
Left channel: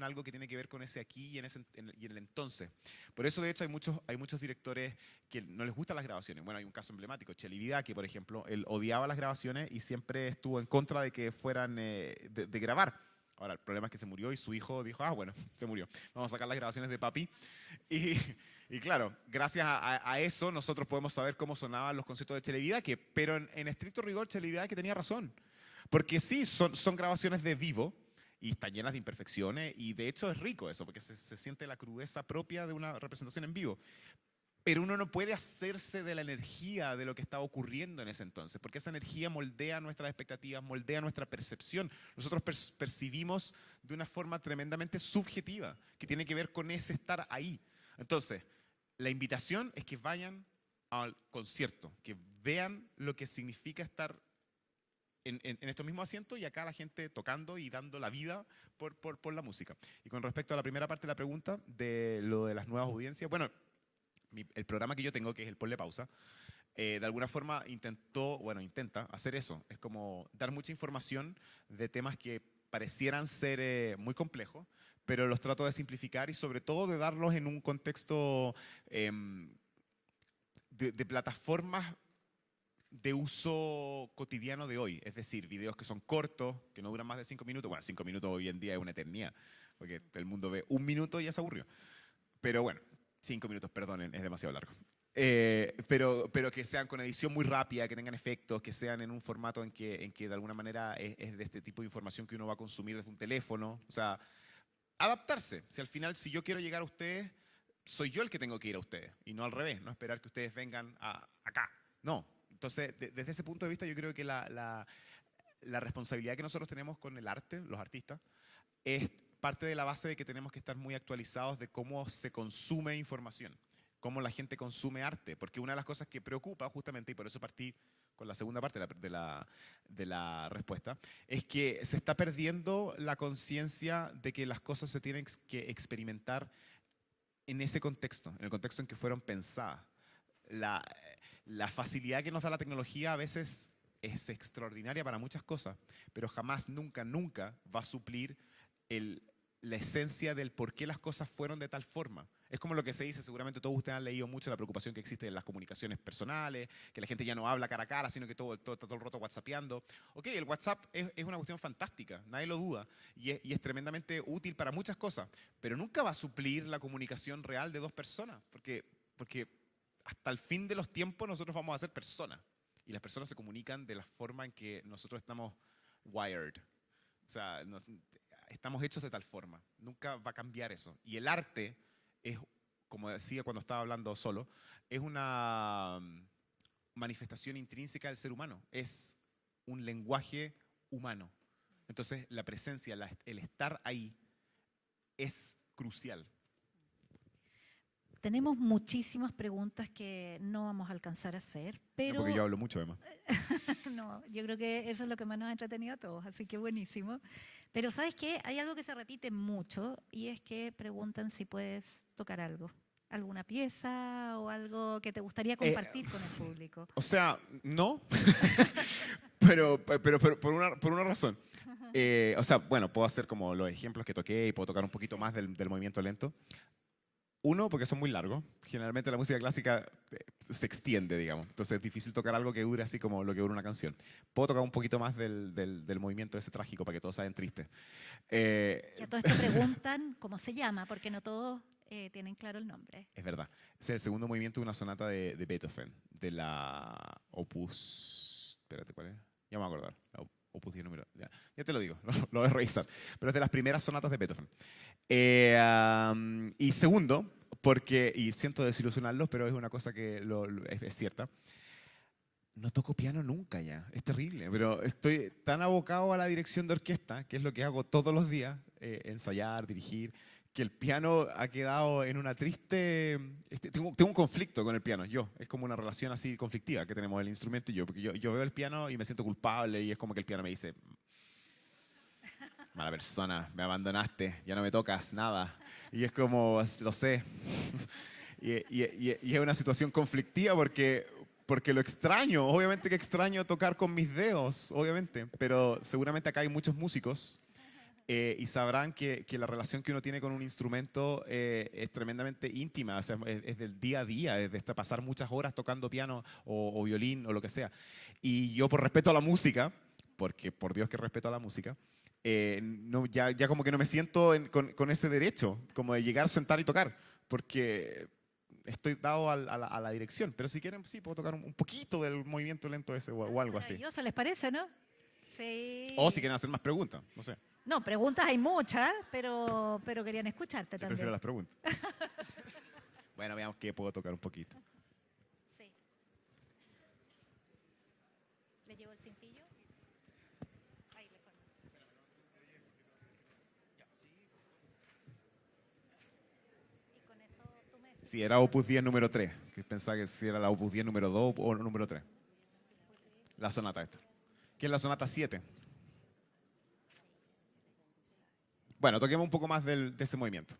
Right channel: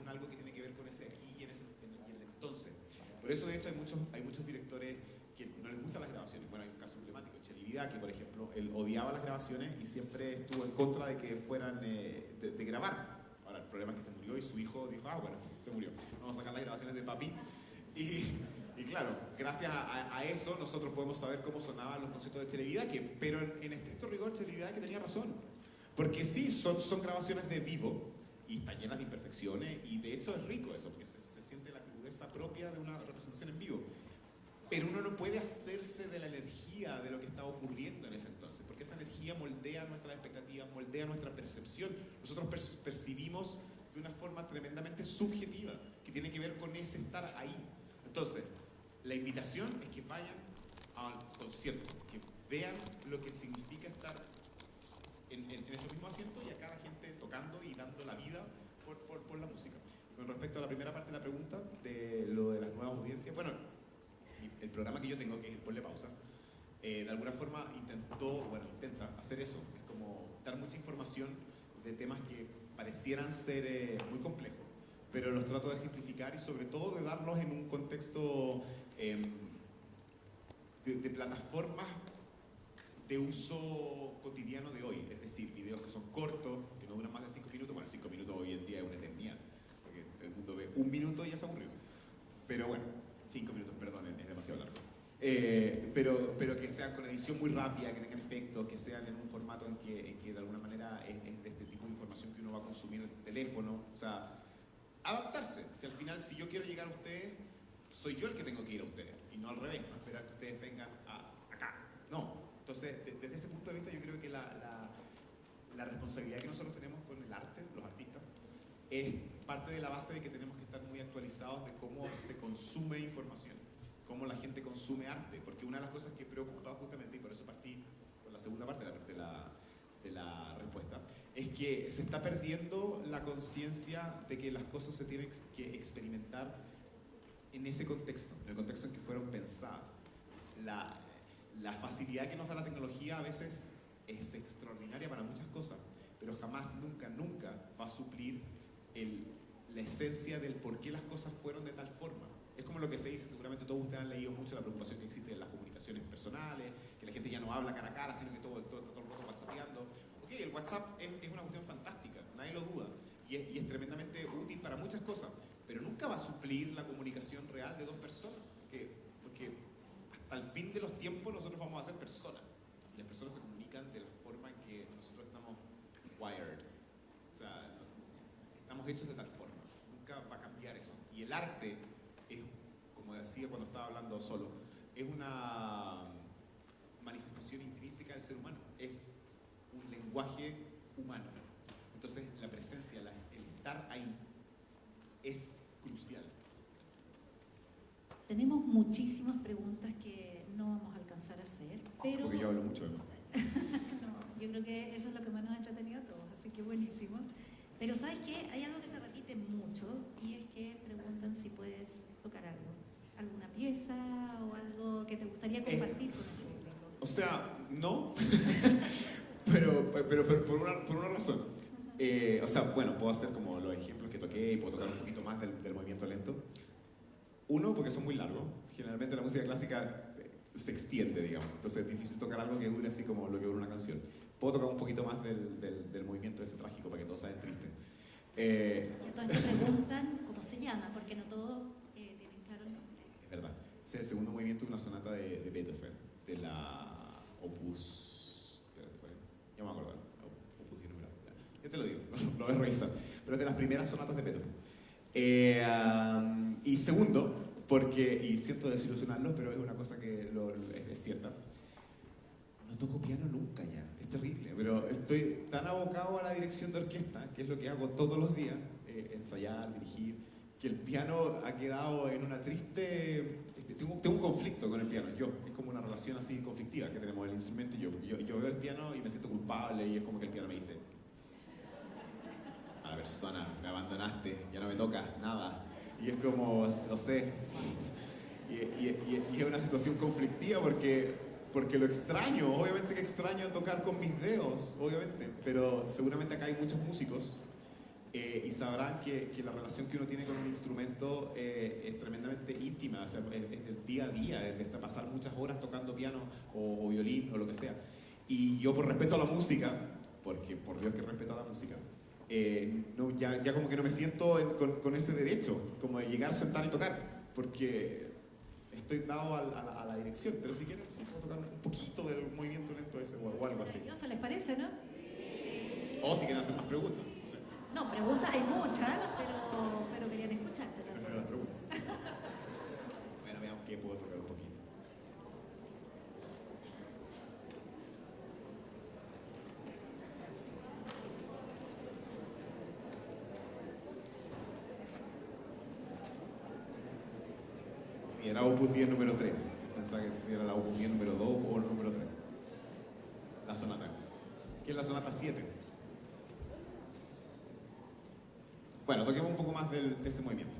algo que tiene que ver con ese aquí y en el entonces. Por eso, de hecho, hay muchos directores que no les gustan las grabaciones. Bueno, hay un caso emblemático, Celibidache, por ejemplo, él odiaba las grabaciones y siempre estuvo en contra de que fueran de grabar. Ahora, el problema es que se murió y su hijo dijo, bueno, se murió, vamos a sacar las grabaciones de papi. Y claro, gracias a eso nosotros podemos saber cómo sonaban los conciertos de Celibidache, pero en estricto rigor Celibidache tenía razón. Porque sí, son grabaciones de vivo y están llenas de imperfecciones, y de hecho es rico eso, porque se siente la crudeza propia de una representación en vivo. Pero uno no puede hacerse de la energía de lo que está ocurriendo en ese entonces, porque esa energía moldea nuestras expectativas, moldea nuestra percepción. Nosotros percibimos de una forma tremendamente subjetiva, que tiene que ver con ese estar ahí. Entonces, la invitación es que vayan al concierto, que vean lo que significa estar en estos mismos asientos y acá la gente tocando y dando la vida por la música. Y con respecto a la primera parte de la pregunta, de lo de las nuevas audiencias, bueno, el programa que yo tengo, que es el Ponle Pausa, de alguna forma intenta hacer eso. Es como dar mucha información de temas que parecieran ser muy complejos, pero los trato de simplificar y sobre todo de darlos en un contexto de plataformas de uso cotidiano de hoy, es decir, videos que son cortos, que no duran más de 5 minutos. Bueno, 5 minutos hoy en día es una eternidad, porque el mundo ve 1 minuto y ya se aburrió. Pero bueno, 5 minutos, perdonen, es demasiado largo. Pero que sean con edición muy rápida, que tengan efectos, que sean en un formato en que de alguna manera es de este tipo de información que uno va a consumir desde un teléfono. O sea, adaptarse. Si al final, si yo quiero llegar a ustedes, soy yo el que tengo que ir a ustedes, y no al revés, no esperar que ustedes vengan acá. No. Entonces, desde ese punto de vista, yo creo que la responsabilidad que nosotros tenemos con el arte, los artistas, es parte de la base de que tenemos que estar muy actualizados de cómo se consume información, cómo la gente consume arte, porque una de las cosas que preocupa justamente, y por eso partí con la segunda parte de la respuesta, es que se está perdiendo la conciencia de que las cosas se tienen que experimentar en ese contexto, en el contexto en que fueron pensadas. La facilidad que nos da la tecnología a veces es extraordinaria para muchas cosas, pero jamás, nunca, nunca va a suplir la esencia del por qué las cosas fueron de tal forma. Es como lo que se dice, seguramente todos ustedes han leído mucho la preocupación que existe en las comunicaciones personales, que la gente ya no habla cara a cara, sino que todo el rato whatsappeando. Ok, el WhatsApp es una cuestión fantástica, nadie lo duda, y es tremendamente útil para muchas cosas, pero nunca va a suplir la comunicación real de dos personas, porque hasta el fin de los tiempos nosotros vamos a ser personas, y las personas se comunican de la forma en que nosotros estamos wired, o sea, estamos hechos de tal forma, nunca va a cambiar eso. Y el arte es, como decía cuando estaba hablando solo, es una manifestación intrínseca del ser humano, es un lenguaje humano. Entonces la presencia, el estar ahí es crucial. Tenemos muchísimas preguntas que no vamos a alcanzar a hacer, pero... Porque yo hablo mucho, además. No, yo creo que eso es lo que más nos ha entretenido a todos, así que buenísimo. Pero ¿sabes qué? Hay algo que se repite mucho y es que preguntan si puedes tocar algo. ¿Alguna pieza o algo que te gustaría compartir con el público? O sea, no, pero por una razón. O sea, bueno, puedo hacer como los ejemplos que toqué y puedo tocar un poquito más del movimiento lento. Uno, porque son muy largos. Generalmente la música clásica se extiende, digamos. Entonces es difícil tocar algo que dure así como lo que dura una canción. Puedo tocar un poquito más del movimiento ese trágico para que todos saben triste. Y a todos te preguntan cómo se llama, porque no todos tienen claro el nombre. Es verdad. Ese es el segundo movimiento de una sonata de Beethoven, de la Opus... Espérate, ¿cuál es? Ya me voy a acordar. Opus 10 número... Ya te lo digo, no lo voy a revisar. Pero es de las primeras sonatas de Beethoven. Y segundo, porque, y siento desilusionarlos, pero es una cosa que es cierta, no toco piano nunca ya, es terrible, pero estoy tan abocado a la dirección de orquesta, que es lo que hago todos los días, ensayar, dirigir, que el piano ha quedado en una triste... Tengo un conflicto con el piano, es como una relación así conflictiva que tenemos el instrumento y yo veo el piano y me siento culpable y es como que el piano me dice: mala persona, me abandonaste, ya no me tocas nada. Y es como, lo sé. Y es una situación conflictiva porque lo extraño, obviamente que extraño tocar con mis dedos, obviamente, pero seguramente acá hay muchos músicos y sabrán que la relación que uno tiene con un instrumento es tremendamente íntima, o sea, es del día a día, de pasar muchas horas tocando piano o violín o lo que sea. Y yo, por respeto a la música, porque por Dios que respeto a la música, no, ya como que no me siento con ese derecho, como de llegar, sentar y tocar, porque estoy dado a la dirección, pero si quieren, sí, puedo tocar un poquito del movimiento lento ese o algo así. ¿Se les parece, no? Sí. O si quieren hacer más preguntas, no sé. No, preguntas hay muchas, pero querían escucharte Yo también. prefiero las preguntas. Bueno, veamos qué puedo tocar un poquito. Si era Opus 10 número 3, que pensaba que si era la Opus 10 número 2 o el número 3. La sonata. ¿Qué es la sonata 7? Bueno, toquemos un poco más de ese movimiento.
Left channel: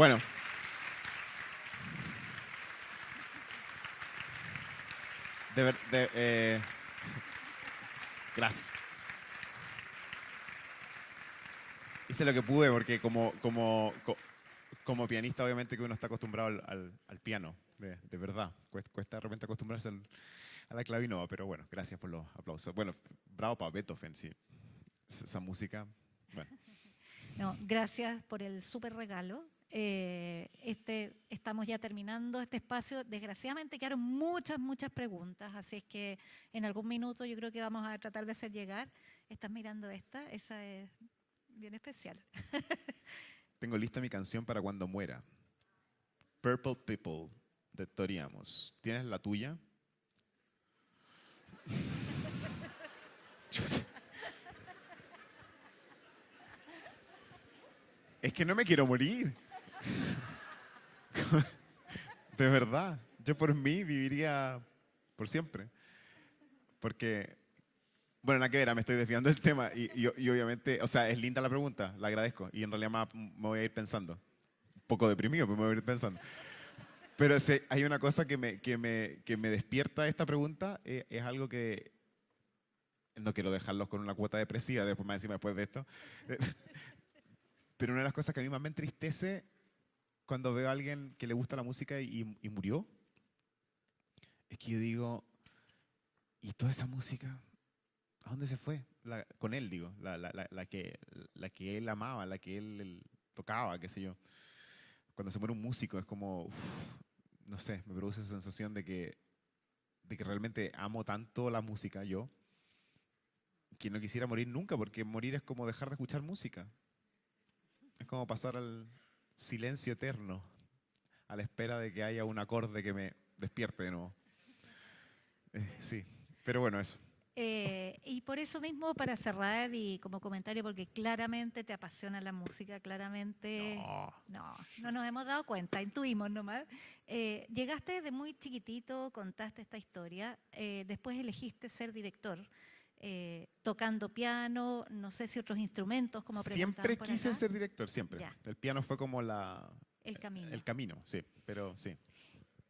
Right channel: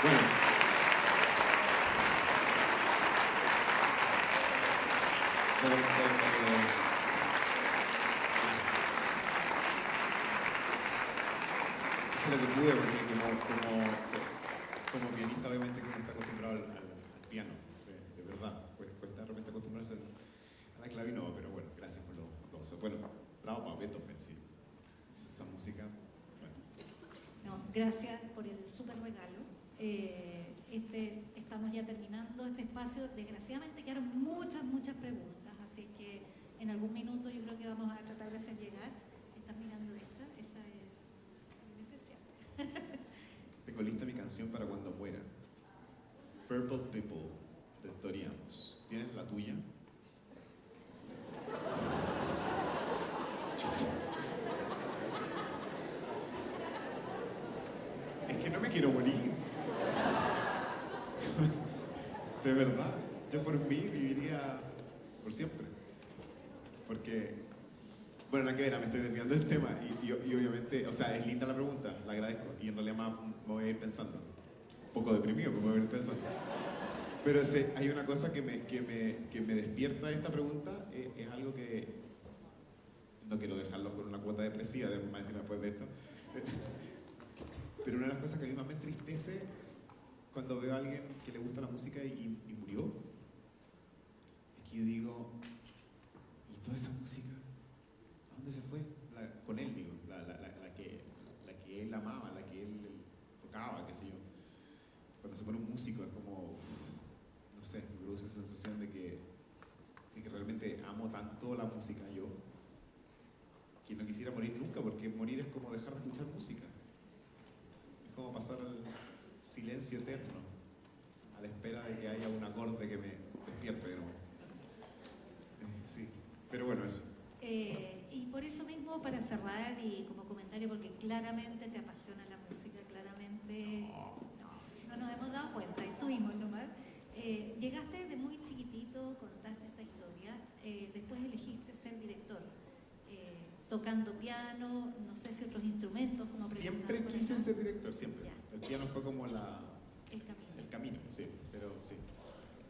Bueno. Gracias. Hice lo que pude porque como pianista obviamente que uno está acostumbrado al piano, de verdad. Cuesta de repente acostumbrarse a la clavino, pero bueno, gracias por los aplausos. Bueno, bravo para Beethoven, sí. Esa música, bueno. No, gracias por el súper regalo. Estamos ya terminando este espacio. Desgraciadamente quedaron muchas preguntas, así es que en algún minuto yo creo que vamos a tratar de hacer llegar. Estás mirando esa es bien especial. Tengo lista mi canción para cuando muera. Purple People, de Tori Amos. ¿Tienes la tuya? Es que no me quiero morir. De verdad. Yo por mí viviría por siempre. Porque, bueno, nada que ver, me estoy desviando del tema. Y obviamente, o sea, es linda la pregunta, la agradezco. Y en realidad me voy a ir pensando. Un poco deprimido, pero me voy a ir pensando. Pero hay una cosa que me despierta esta pregunta. Es algo que no quiero dejarlos con una cuota depresiva, después de esto. Pero una de las cosas que a mí más me entristece cuando veo a alguien que le gusta la música y murió, es que yo digo, ¿y toda esa música? ¿A dónde se fue? Con él, digo, la que él amaba, la que él tocaba, qué sé yo. Cuando se muere un músico es como, no sé, me produce esa sensación de que realmente amo tanto la música yo, que no quisiera morir nunca, porque morir es como dejar de escuchar música. Es como pasar al silencio eterno, a la espera de que haya un acorde que me despierte de nuevo. Sí, pero bueno, eso. Y por eso mismo, para cerrar y como comentario, porque claramente te apasiona la música, claramente no nos hemos dado cuenta, intuimos nomás. Llegaste de muy chiquitito, contaste esta historia, después elegiste ser director. Tocando piano, no sé si otros instrumentos, como siempre quise ser director, siempre. Ya. El piano fue como el camino. El camino, sí, pero sí.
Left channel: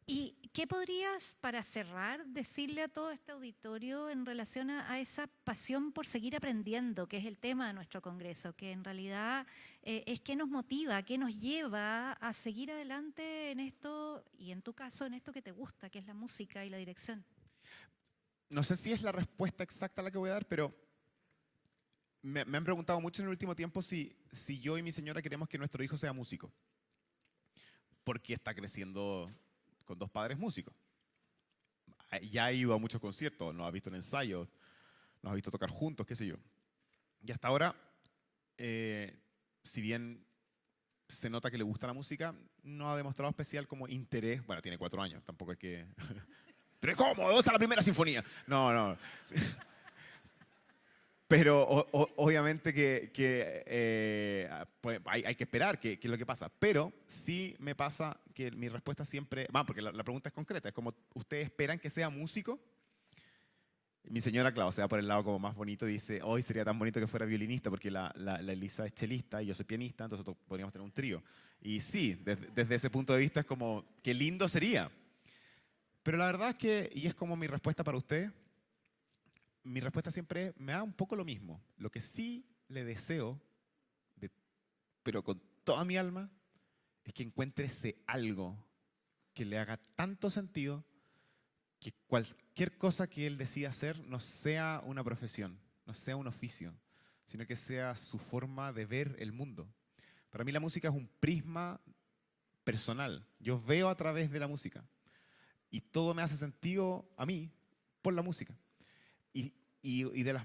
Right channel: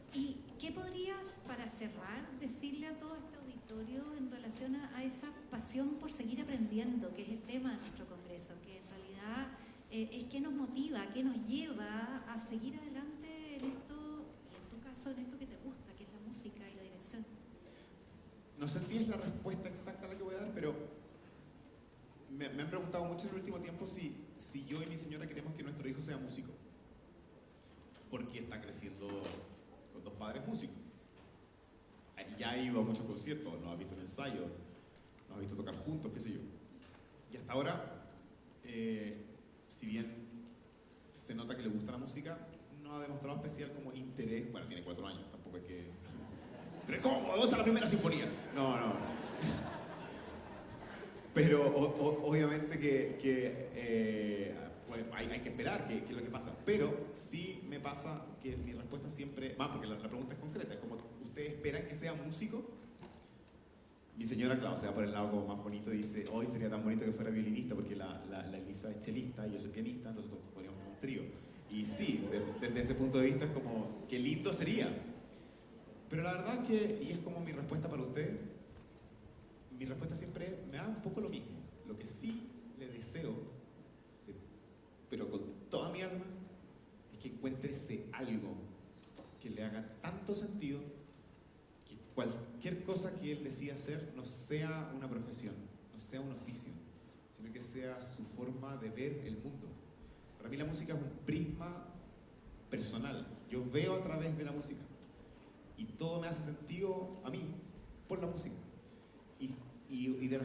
¿Y qué podrías, para cerrar, decirle a todo este auditorio en relación a esa pasión por seguir aprendiendo, que es el tema de nuestro congreso, que en realidad es qué nos motiva, qué nos lleva a seguir adelante en esto, y en tu caso en esto que te gusta, que es la música y la dirección? No sé si es la respuesta exacta la que voy a dar, pero me han preguntado mucho en el último tiempo si yo y mi señora queremos que nuestro hijo sea músico. Porque está creciendo con dos padres músicos. Ya ha ido a muchos conciertos, nos ha visto en ensayos, nos ha visto tocar juntos, qué sé yo. Y hasta ahora, si bien se nota que le gusta la música, no ha demostrado especial como interés. Bueno, tiene 4 años, tampoco es que... Pero ¿cómo? ¿Dónde está la primera sinfonía? No. Pero obviamente pues hay que esperar qué es lo que pasa. Pero sí me pasa que mi respuesta siempre... porque la pregunta es concreta. Es como, ¿ustedes esperan que sea músico? Mi señora, claro, se va por el lado como más bonito y dice, hoy sería tan bonito que fuera violinista porque la Elisa es chelista y yo soy pianista, entonces podríamos tener un trío. Y sí, desde ese punto de vista es como, qué lindo sería. Pero la verdad es que, y es como mi respuesta para usted, mi respuesta siempre me da un poco lo mismo. Lo que sí le deseo, pero con toda mi alma, es que encuentre ese algo que le haga tanto sentido que cualquier cosa que él decida hacer no sea una profesión, no sea un oficio, sino que sea su forma de ver el mundo. Para mí la música es un prisma personal. Yo veo a través de la música. Y todo me hace sentido a mí por la música. Y de los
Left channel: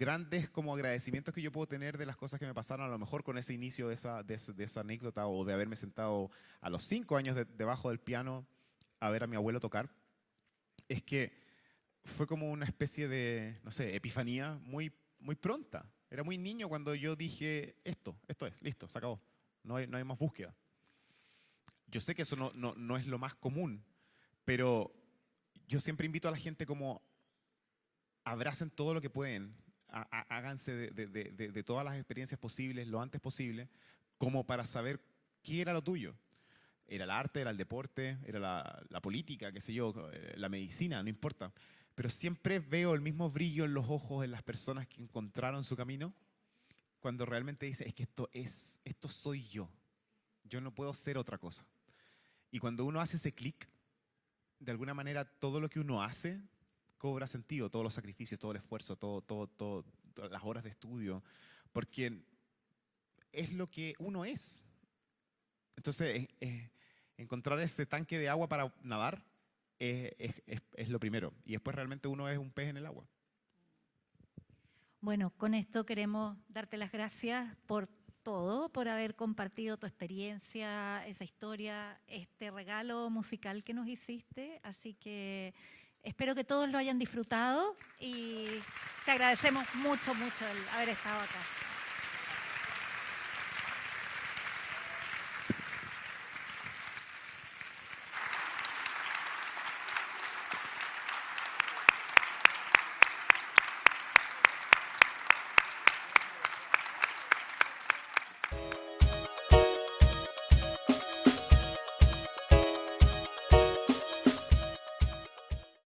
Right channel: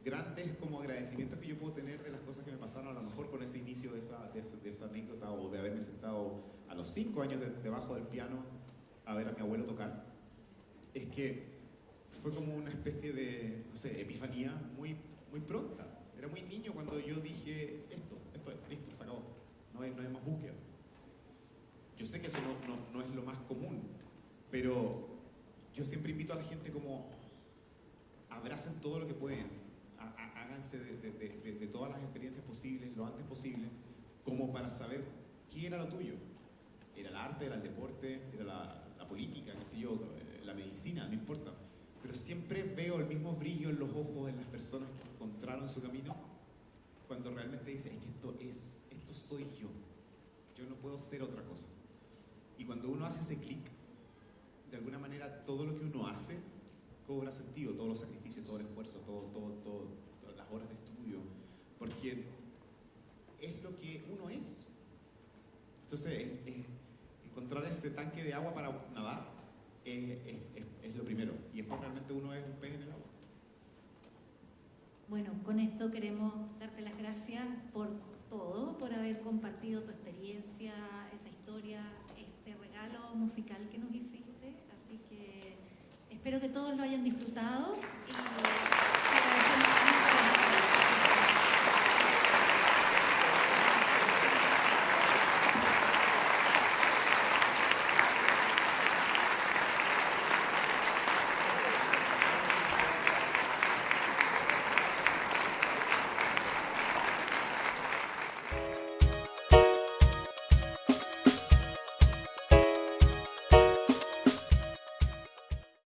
grandes como agradecimientos que yo puedo tener de las cosas que me pasaron, a lo mejor con ese inicio de esa anécdota, o de haberme sentado a los 5 años debajo del piano a ver a mi abuelo tocar, es que fue como una especie de, no sé, epifanía muy pronta. Era muy niño cuando yo dije, esto es, listo, se acabó. No hay más búsqueda. Yo sé que eso no es lo más común, pero yo siempre invito a la gente como abracen todo lo que pueden, háganse de todas las experiencias posibles lo antes posible, como para saber ¿qué era lo tuyo? Era el arte, era el deporte, era la política, qué sé yo, la medicina, no importa. Pero siempre veo el mismo brillo en los ojos de las personas que encontraron su camino cuando realmente dicen, es que esto soy yo. Yo no puedo ser otra cosa. Y cuando uno hace ese clic, de alguna manera todo lo que uno hace cobra sentido, todos los sacrificios, todo el esfuerzo, todas las horas de estudio, porque es lo que uno es. Entonces, encontrar ese tanque de agua para nadar es lo primero. Y después realmente uno es un pez en el agua. Bueno, con esto queremos darte las gracias por todo, por haber compartido tu experiencia, esa historia, este regalo musical que nos hiciste. Así que espero que todos lo hayan disfrutado y te agradecemos mucho.